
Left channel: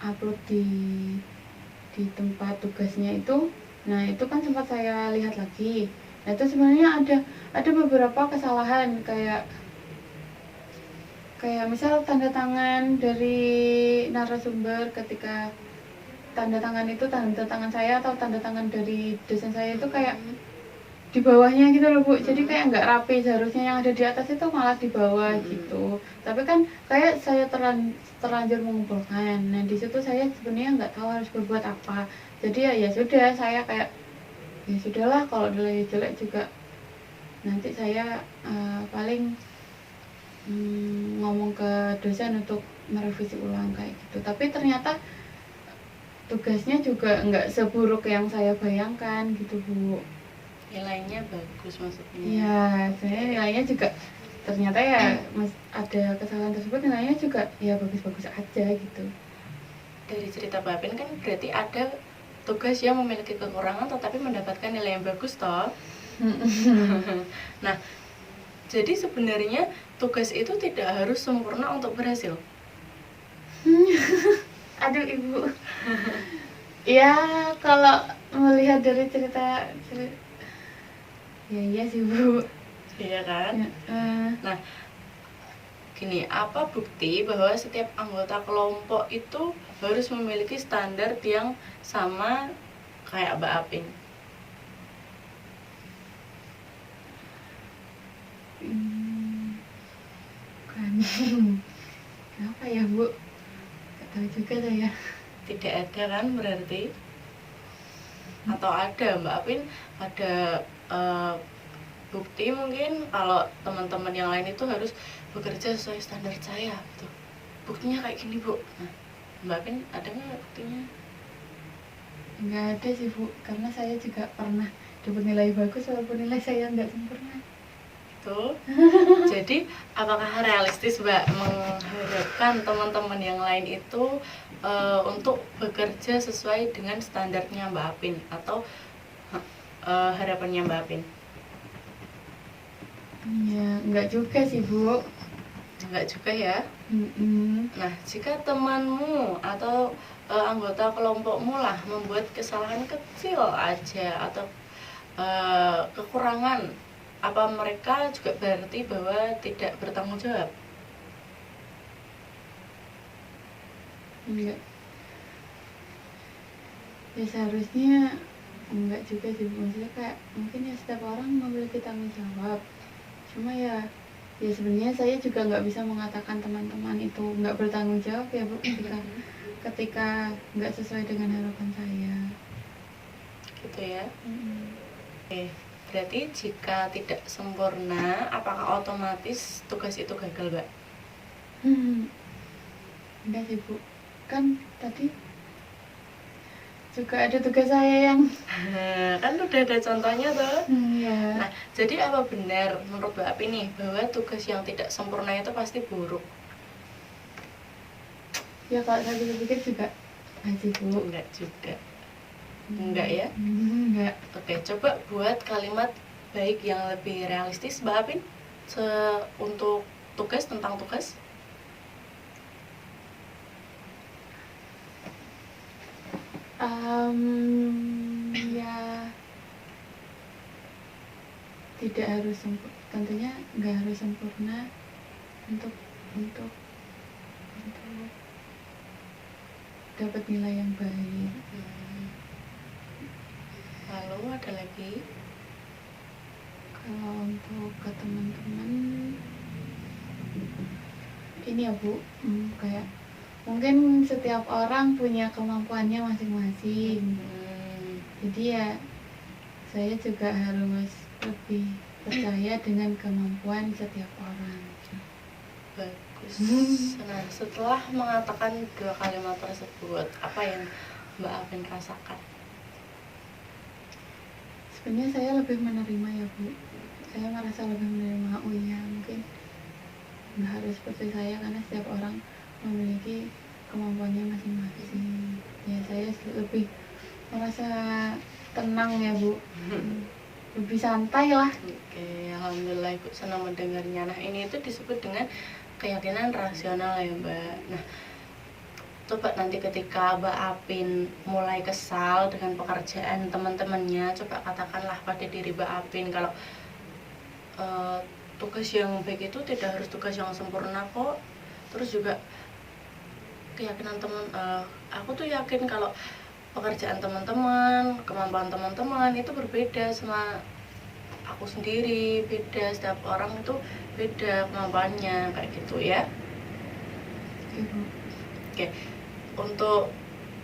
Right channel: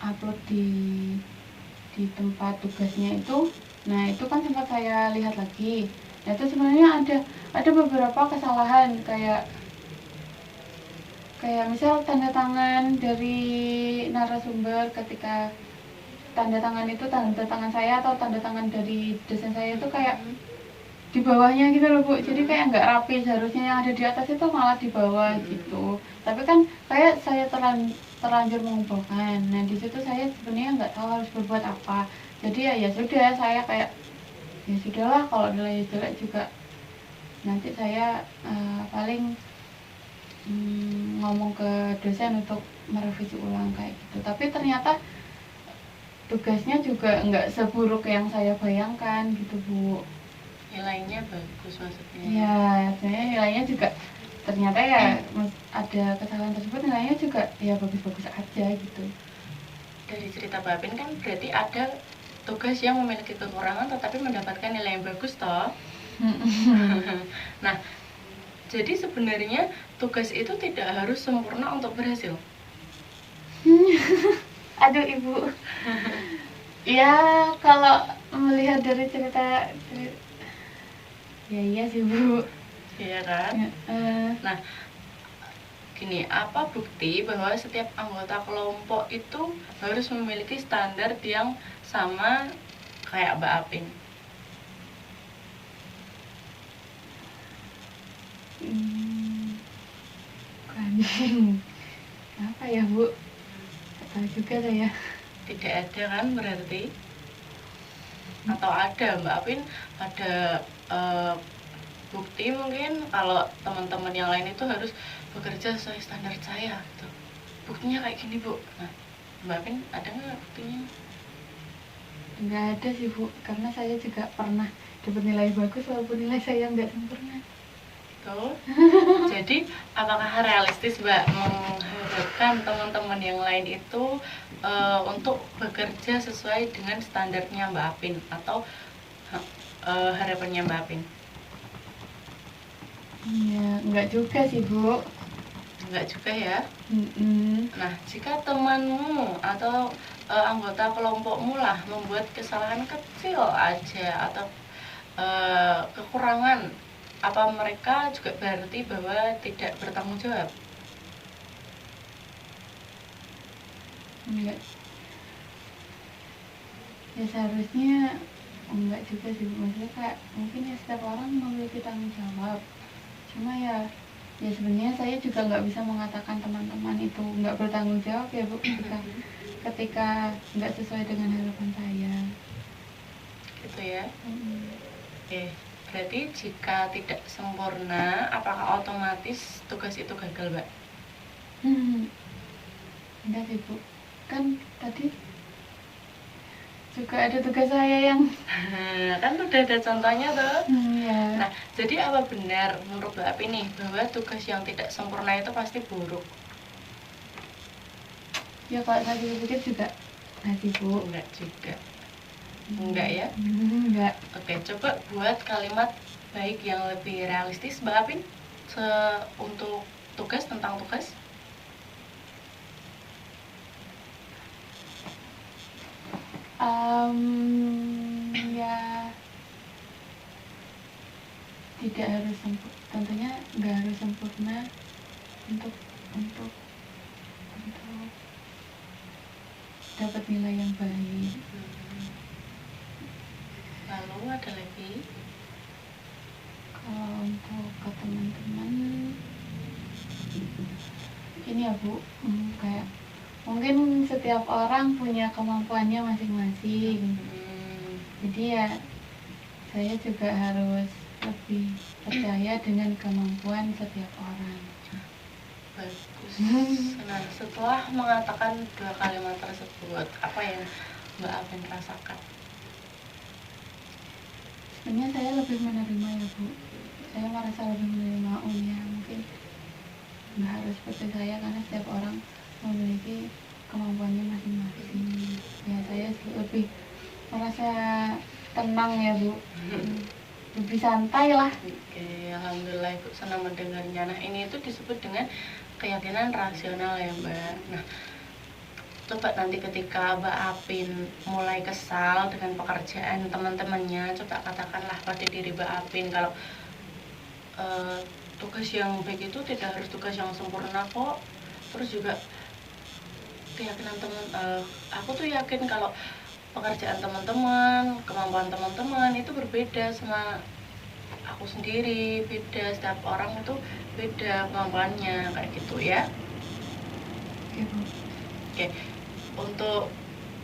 upload di tempat tugasnya itu, nah itu kan sempat saya lihat lagi. Nah itu sebenarnya ada beberapa kesalahan, kayak misal tanda tangan dari narasumber, ketika tanda tangan itu tanda tangan saya atau tanda tangan dari dosen saya itu kayak di bawahnya gitu loh Bu, jadi kayak nggak rapi. Seharusnya yang ada di atas itu malah di bawah gitu. Tapi kan kayak saya terlanjur mengumpulkan. Nah di situ saya sebenarnya nggak tahu harus berbuat apa. Jadi ya sudah, saya kayak ya sudahlah, kalau nilai jelek juga nanti saya paling ngomong ke dosen untuk merevisi ulang kayak gitu. Tapi ternyata tugasnya juga nggak seburuk yang saya bayangkan gitu Bu. Nilainya bagus maksudnya? Ya, saya nilainya juga ternyata ya ada kesalahan tersebut, nilainya juga ya bagus-bagus aja gitu. Dari cerita Mbak Apin kan berarti ada tugas yang memiliki kekurangan tetapi mendapatkan nilai yang bagus toh. Nah, jadi sebenarnya tugas itu tidak harus sempurna untuk berhasil. Aduh Ibu. Ya kalau melihat dari cerita ya iya sih Bu. Iya kan? Ya, Nah, gini, apa bukti bahwa setiap anggota kelompok itu harus memiliki standar yang sama kayak Mbak Apin? Bukan. Apa ya Bu? Gak tahu juga saya. Tidak ada kan berarti? Atau ada Mbak Apin ada bukti mungkin kalau teman-teman yang lain itu harus bekerja sesuai standar saya gitu. Buktinya kayak gini Bu. Nah, Mbak Apin ada nggak buktinya? Nggak ada sih Bu, karena saya juga pernah dapat nilai bagus walaupun nilai saya nggak sempurna. Tuh. Jadi apakah realistis Mbak mengharapkan teman-teman yang lain itu untuk bekerja sesuai dengan standarnya Mbak Apin atau harapannya Mbak Apin? Ya, nggak juga sih Bu. Enggak juga ya. Nah, jika temanmu atau anggota kelompokmu lah membuat kesalahan kecil aja atau kekurangan, apa mereka juga berarti bahwa tidak bertanggung jawab? enggak. Ya seharusnya enggak juga sih, maksudnya kayak mungkin ya setiap orang memiliki tanggung jawab. Cuma ya sebenarnya saya juga nggak bisa mengatakan teman-teman itu nggak bertanggung jawab ya Bu, ketika nggak sesuai dengan harapan saya. Gitu ya. Oke, berarti jika tidak sempurna, apakah otomatis tugas itu gagal, Mbak? Enggak sih Bu, kan tadi juga ada tugas saya yang Kan udah ada contohnya tuh. ya. Nah, jadi apa benar menurut Mbak Api nih bahwa tugas yang tidak sempurna itu pasti buruk? Ya kalau saya pikir juga nggak sih Bu. Enggak juga. Enggak ya? Enggak. Oke, coba buat kalimat baik yang lebih realistis, Mbak Apin, untuk tugas, tentang tugas. Ya tidak harus tentunya nggak harus sempurna untuk dapat nilai yang baik. Lalu ada lagi? Kalau untuk ke teman-teman ini ya Bu, kayak mungkin setiap orang punya kemampuannya masing-masing. Jadi ya saya juga harus lebih percaya dengan kemampuan setiap orang. Bagus. Nah, setelah mengatakan dua kalimat tersebut, apa yang Mbak Apin rasakan? Sebenarnya saya lebih menerima ya Bu. Saya merasa lebih menerima, oh ya mungkin nggak harus seperti saya karena setiap orang memiliki kemampuannya masing-masing. Ya saya lebih merasa tenang ya Bu, lebih santai lah. Oke, alhamdulillah Ibu senang mendengarnya. Nah, ini itu disebut dengan keyakinan rasional ya Mbak. Nah, coba nanti ketika Mbak Apin mulai kesal dengan pekerjaan teman-temannya, coba katakanlah pada diri Mbak Apin kalau tugas yang baik itu tidak harus tugas yang sempurna kok. Terus juga keyakinan aku tuh yakin kalau pekerjaan teman-teman, kemampuan teman-teman itu berbeda sama aku sendiri, beda, setiap orang itu beda kemampuannya, kayak gitu ya. Oke, untuk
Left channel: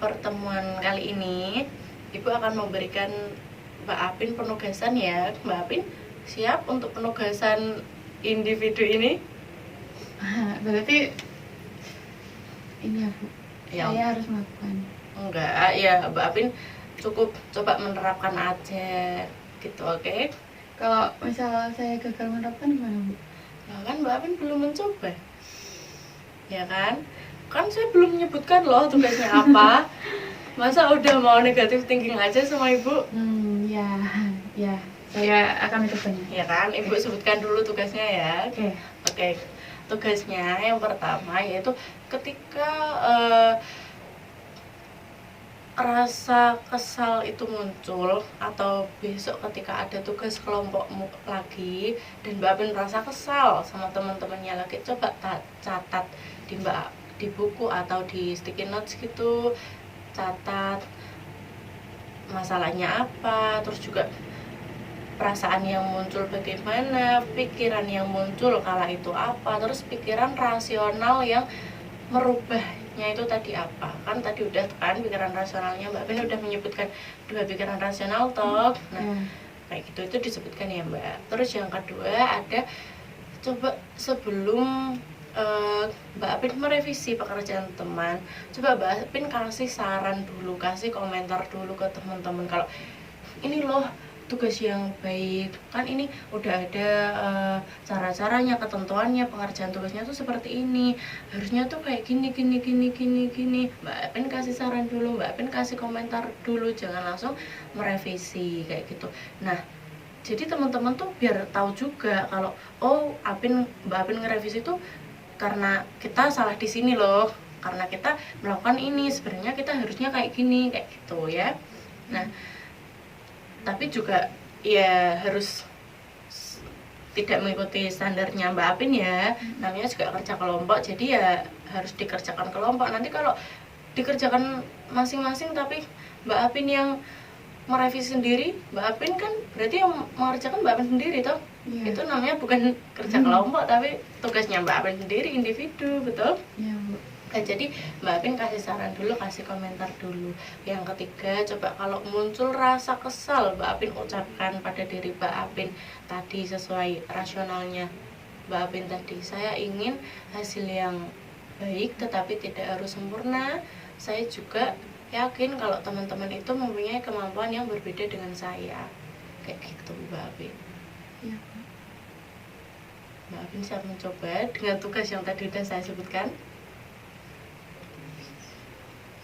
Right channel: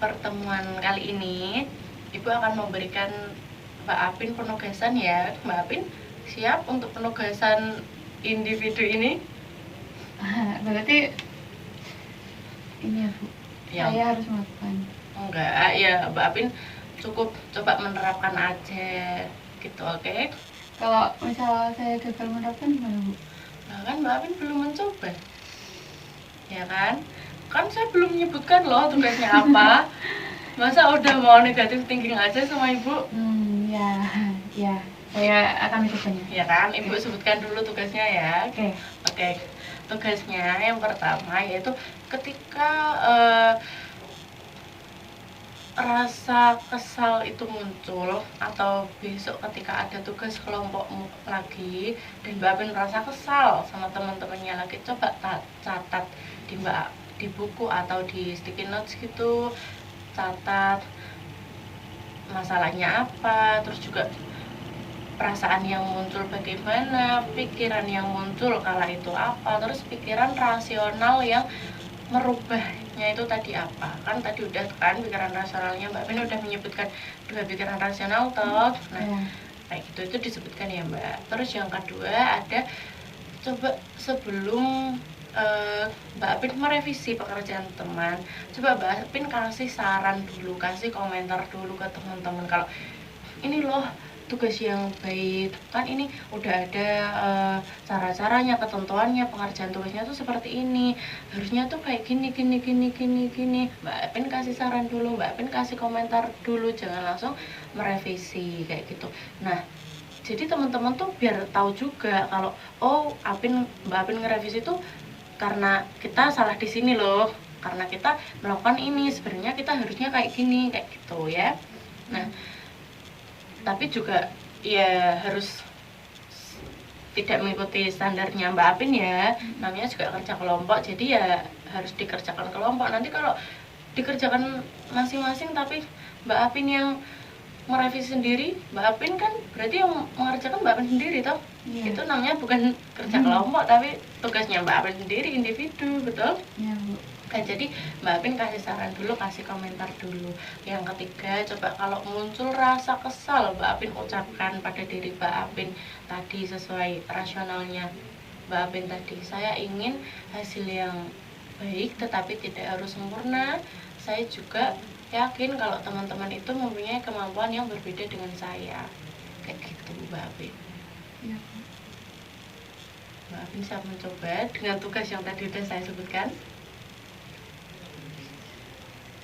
pertemuan kali ini Ibu akan memberikan Mbak Apin penugasan ya. Mbak Apin siap untuk penugasan individu ini? Berarti ini ya Bu, Ya. saya harus melakukan. Enggak, ya Mbak Apin cukup coba menerapkan aja gitu, oke? Kalau misal saya gagal menerapkan gimana Bu? Nah kan Mbak Apin belum mencoba, ya kan? Kan saya belum menyebutkan loh tugasnya apa. Masa udah mau negatif thinking aja sama Ibu? Ya, saya akan ikutnya. Ya kan, Ibu sebutkan dulu tugasnya ya. Oke. Oke, tugasnya yang pertama yaitu ketika rasa kesal itu muncul atau besok ketika ada tugas kelompokmu lagi dan Mbak Apin merasa kesal sama teman-temannya lagi, coba catat di buku atau di sticky notes gitu, catat masalahnya apa, terus juga perasaan yang muncul bagaimana, pikiran yang muncul kala itu apa, terus pikiran rasional yang merubahnya itu tadi apa. Kan tadi udah kan pikiran rasionalnya Mbak Pin udah menyebutkan dua pikiran rasional toh. Nah, kayak gitu itu disebutkan ya Mbak. Terus yang kedua ada coba sebelum Mbak Apin merevisi pekerjaan teman, coba Mbak Apin kasih saran dulu, kasih komentar dulu ke teman-teman kalau ini loh tugas yang baik, kan ini udah ada cara-caranya, ketentuannya, pengerjaan tugasnya tuh seperti ini, harusnya tuh kayak gini. Mbak Apin kasih saran dulu, Mbak Apin kasih komentar dulu, jangan langsung merevisi kayak gitu. Nah, jadi teman-teman tuh biar tahu juga kalau oh Mbak Apin ngerevisi tuh karena kita salah di sini loh, karena kita melakukan ini, sebenarnya kita harusnya kayak gini, kayak gitu ya. Nah, tapi juga ya harus tidak mengikuti standarnya Mbak Apin ya, namanya juga kerja kelompok, jadi ya harus dikerjakan kelompok. Nanti kalau dikerjakan masing-masing, tapi Mbak Apin yang merevisi sendiri. Mbak Apin kan berarti yang mengerjakan Mbak Apin sendiri toh. Iya. Itu namanya bukan kerja kelompok, tapi tugasnya Mbak Apin sendiri, individu, betul? Iya, Bu. Nah, jadi Mbak Apin kasih saran dulu, kasih komentar dulu. Yang ketiga, coba kalau muncul rasa kesal, Mbak Apin ucapkan pada diri Mbak Apin tadi sesuai rasionalnya Mbak Apin tadi. Saya ingin hasil yang baik tetapi tidak harus sempurna. Saya juga yakin kalau teman-teman itu mempunyai kemampuan yang berbeda dengan saya. Kayak gitu Mbak Apin. Iya, Bu. Mbak Apin siap mencoba dengan tugas yang tadi sudah saya sebutkan.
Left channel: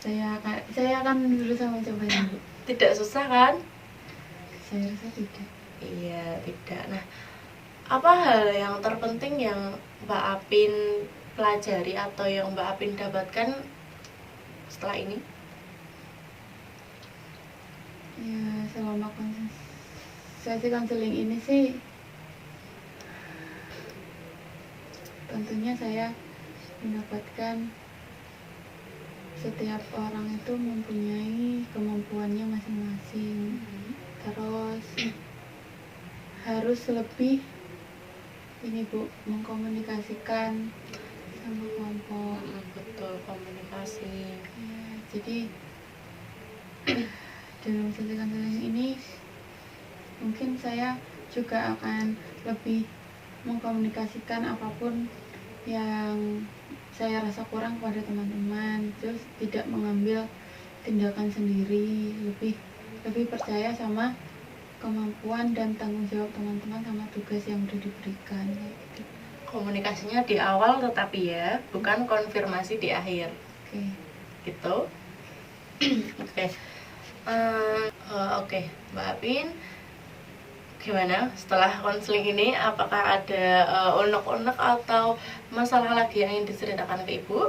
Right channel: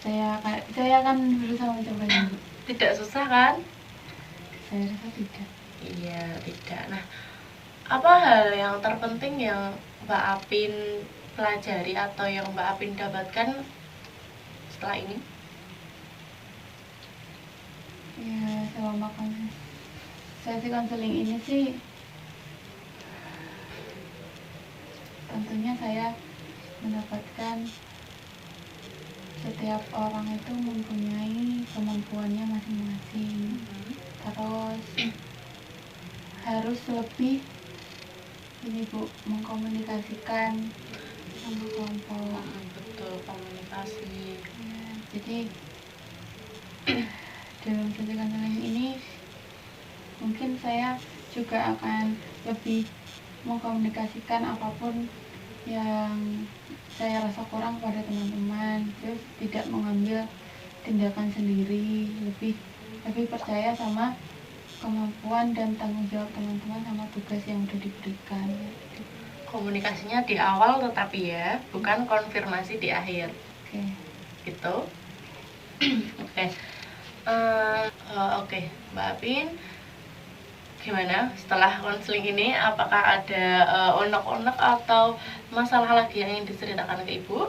Saya akan berusaha mencobanya, Bu. Tidak susah kan? Saya rasa tidak. Iya, tidak. Nah, apa hal yang terpenting yang Mbak Apin pelajari atau yang Mbak Apin dapatkan setelah ini? Ya, selama sesi konseling ini sih tentunya saya mendapatkan setiap orang itu mempunyai kemampuannya masing-masing. Terus harus lebih ini Bu, mengkomunikasikan sama kelompok. Betul, komunikasi. Ya, jadi dalam sesi konseling ini mungkin saya juga akan lebih mengkomunikasikan apapun yang saya rasa kurang pada teman-teman, terus tidak mengambil tindakan sendiri, lebih percaya sama kemampuan dan tanggung jawab teman-teman sama tugas yang udah diberikan. Komunikasinya di awal tetapi ya, bukan konfirmasi di akhir. Oke. Gitu. Oke. Oke, Mbak Apin, gimana setelah konseling ini? Apakah ada unek-unek atau masalah lagi yang ingin diceritakan ke Ibu?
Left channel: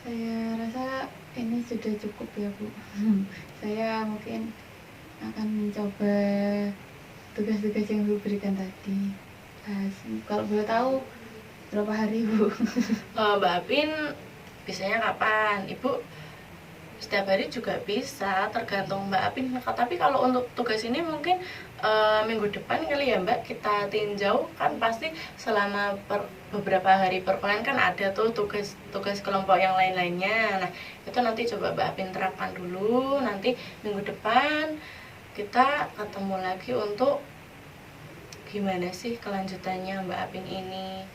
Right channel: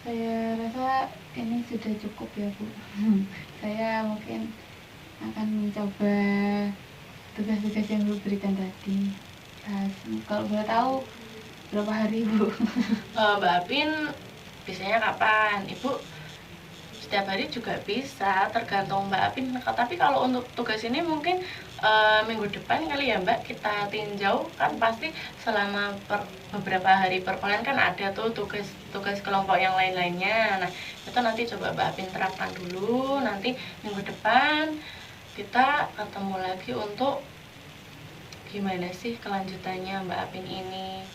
Saya rasa ini sudah cukup ya Bu. Saya mungkin akan mencoba tugas-tugas yang Bu berikan tadi. Kalau boleh tahu berapa hari Bu? Mbak Apin biasanya kapan? Ibu setiap hari juga bisa, tergantung Mbak Apin. Tapi kalau untuk tugas ini mungkin minggu depan kali ya Mbak kita tinjau, kan pasti selama beberapa hari perkuliahan kan ada tuh tugas kelompok yang lain-lainnya. Nah itu nanti coba Mbak Apin terapkan dulu, nanti minggu depan kita ketemu lagi untuk gimana sih kelanjutannya Mbak Apin ini,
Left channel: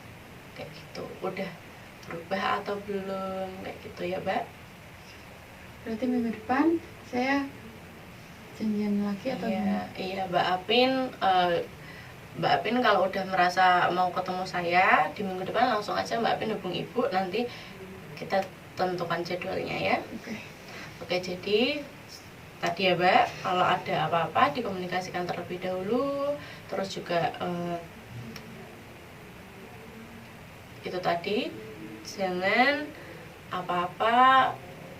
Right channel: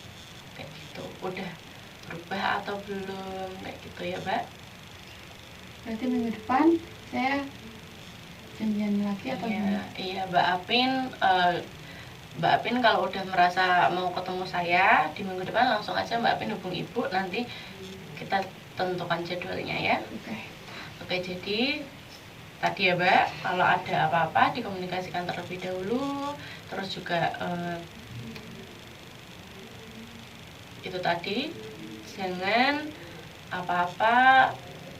kayak gitu, udah berubah atau belum, kayak gitu ya Mbak. Berarti minggu depan saya janjian lagi atau gimana? Iya Mbak Apin kalau udah merasa mau ketemu saya di minggu depan langsung aja Mbak Apin hubung Ibu, nanti kita tentukan jadwalnya ya. Oke, jadi tadi ya Mbak, kalau ada apa-apa dikomunikasikan terlebih dahulu. Terus juga itu tadi, jangan apa-apa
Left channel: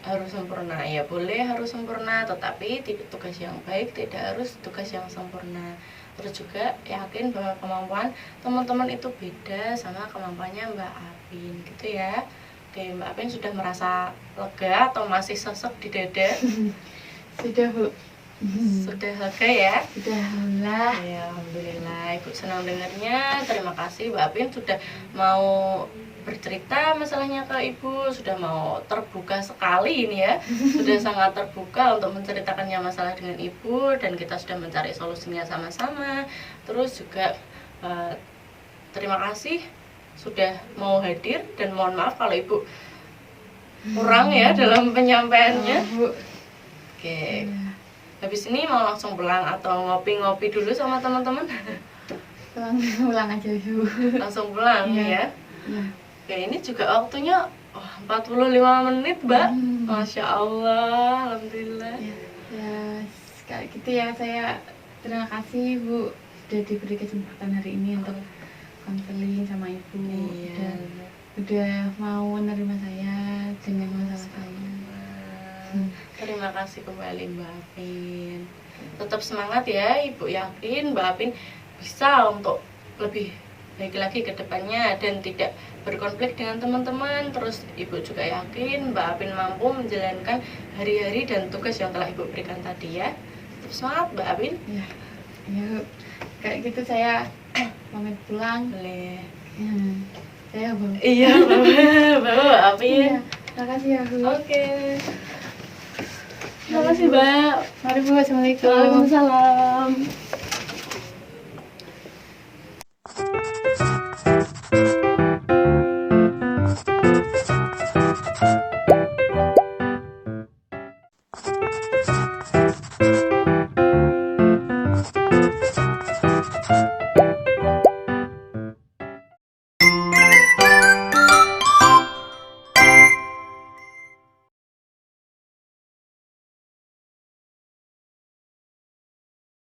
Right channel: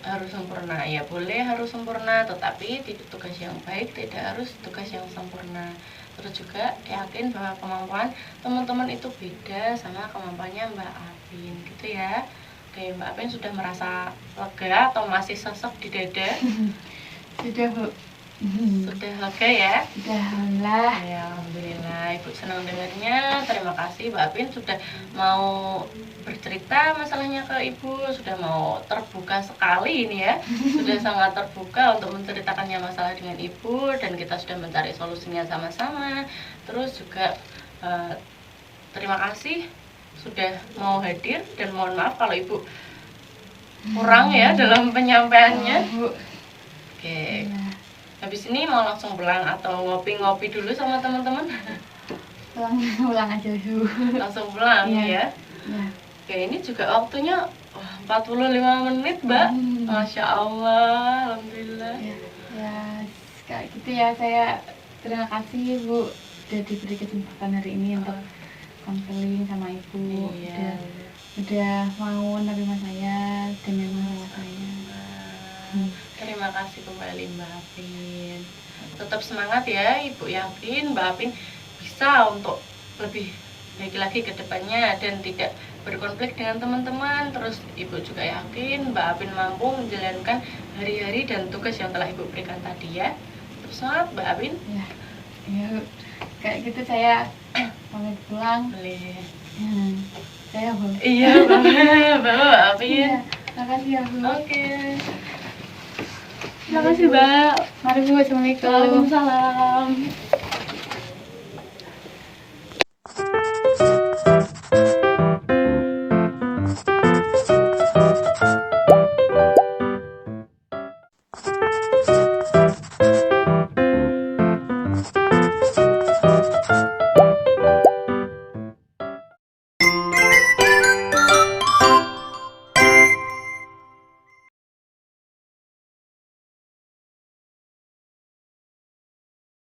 harus sempurna. Ya boleh harus sempurna, tetapi tugas yang baik tidak harus tugas yang sempurna. Terus juga yakin bahwa kemampuan teman-teman itu beda sama kemampuannya Mbak Apin, gitu ya. Oke, Mbak Apin sudah merasa lega atau masih sesek di dada? Sudah Bu. Sudah lega ya? Sudah, alhamdulillah. Ya, alhamdulillah, Ibu senang dengarnya. Terima kasih Mbak Apin sudah mau bercerita masalahnya ke Ibu, sudah mau terbuka sekali ini ya. Sudah sangat terbuka untuk menceritakannya masalah dengan Ibu, dan kita sudah mencari solusinya sama-sama. Terus juga terima kasih sudah mau hadir, dan mohon maaf kalau Ibu kurang ya dalam penyampaiannya. Oke. Habis ini mau langsung pulang atau ngopi-ngopi dulu sama teman-teman? Pulang aja dulu. Langsung pulang ya. Oke, ini juga waktunya 45 menit, Mbak. Masya Allah, alhamdulillah. Ya, kayak gitu ya. Saya terima kasih Bu udah diberi kesempatan hari ini untuk konseling sama Ibu. Iya. Udah mau menerima saya dengan masalah saya. Terima kasih kembali Mbak Apin. Tetap semangat ya, Ibu yakin Mbak Apin bisa untuk lebih baik lagi ke depannya dan tidak berkonflik dengan teman-teman. Terus Ibu juga yakin Mbak Apin mampu menjalankan hari-hari dan tugas yang telah Ibu berikan tadi ya. Terus semangat Mbak Apin. Ya, yuk. Kayak gitu saya pamit pulang. Boleh. Saya Bu. Iya, Mbak Apin. Iya, makasih ya Bu. Oke. Terima kasih Mbak. Mari Bu, assalamualaikum. Waalaikumsalam.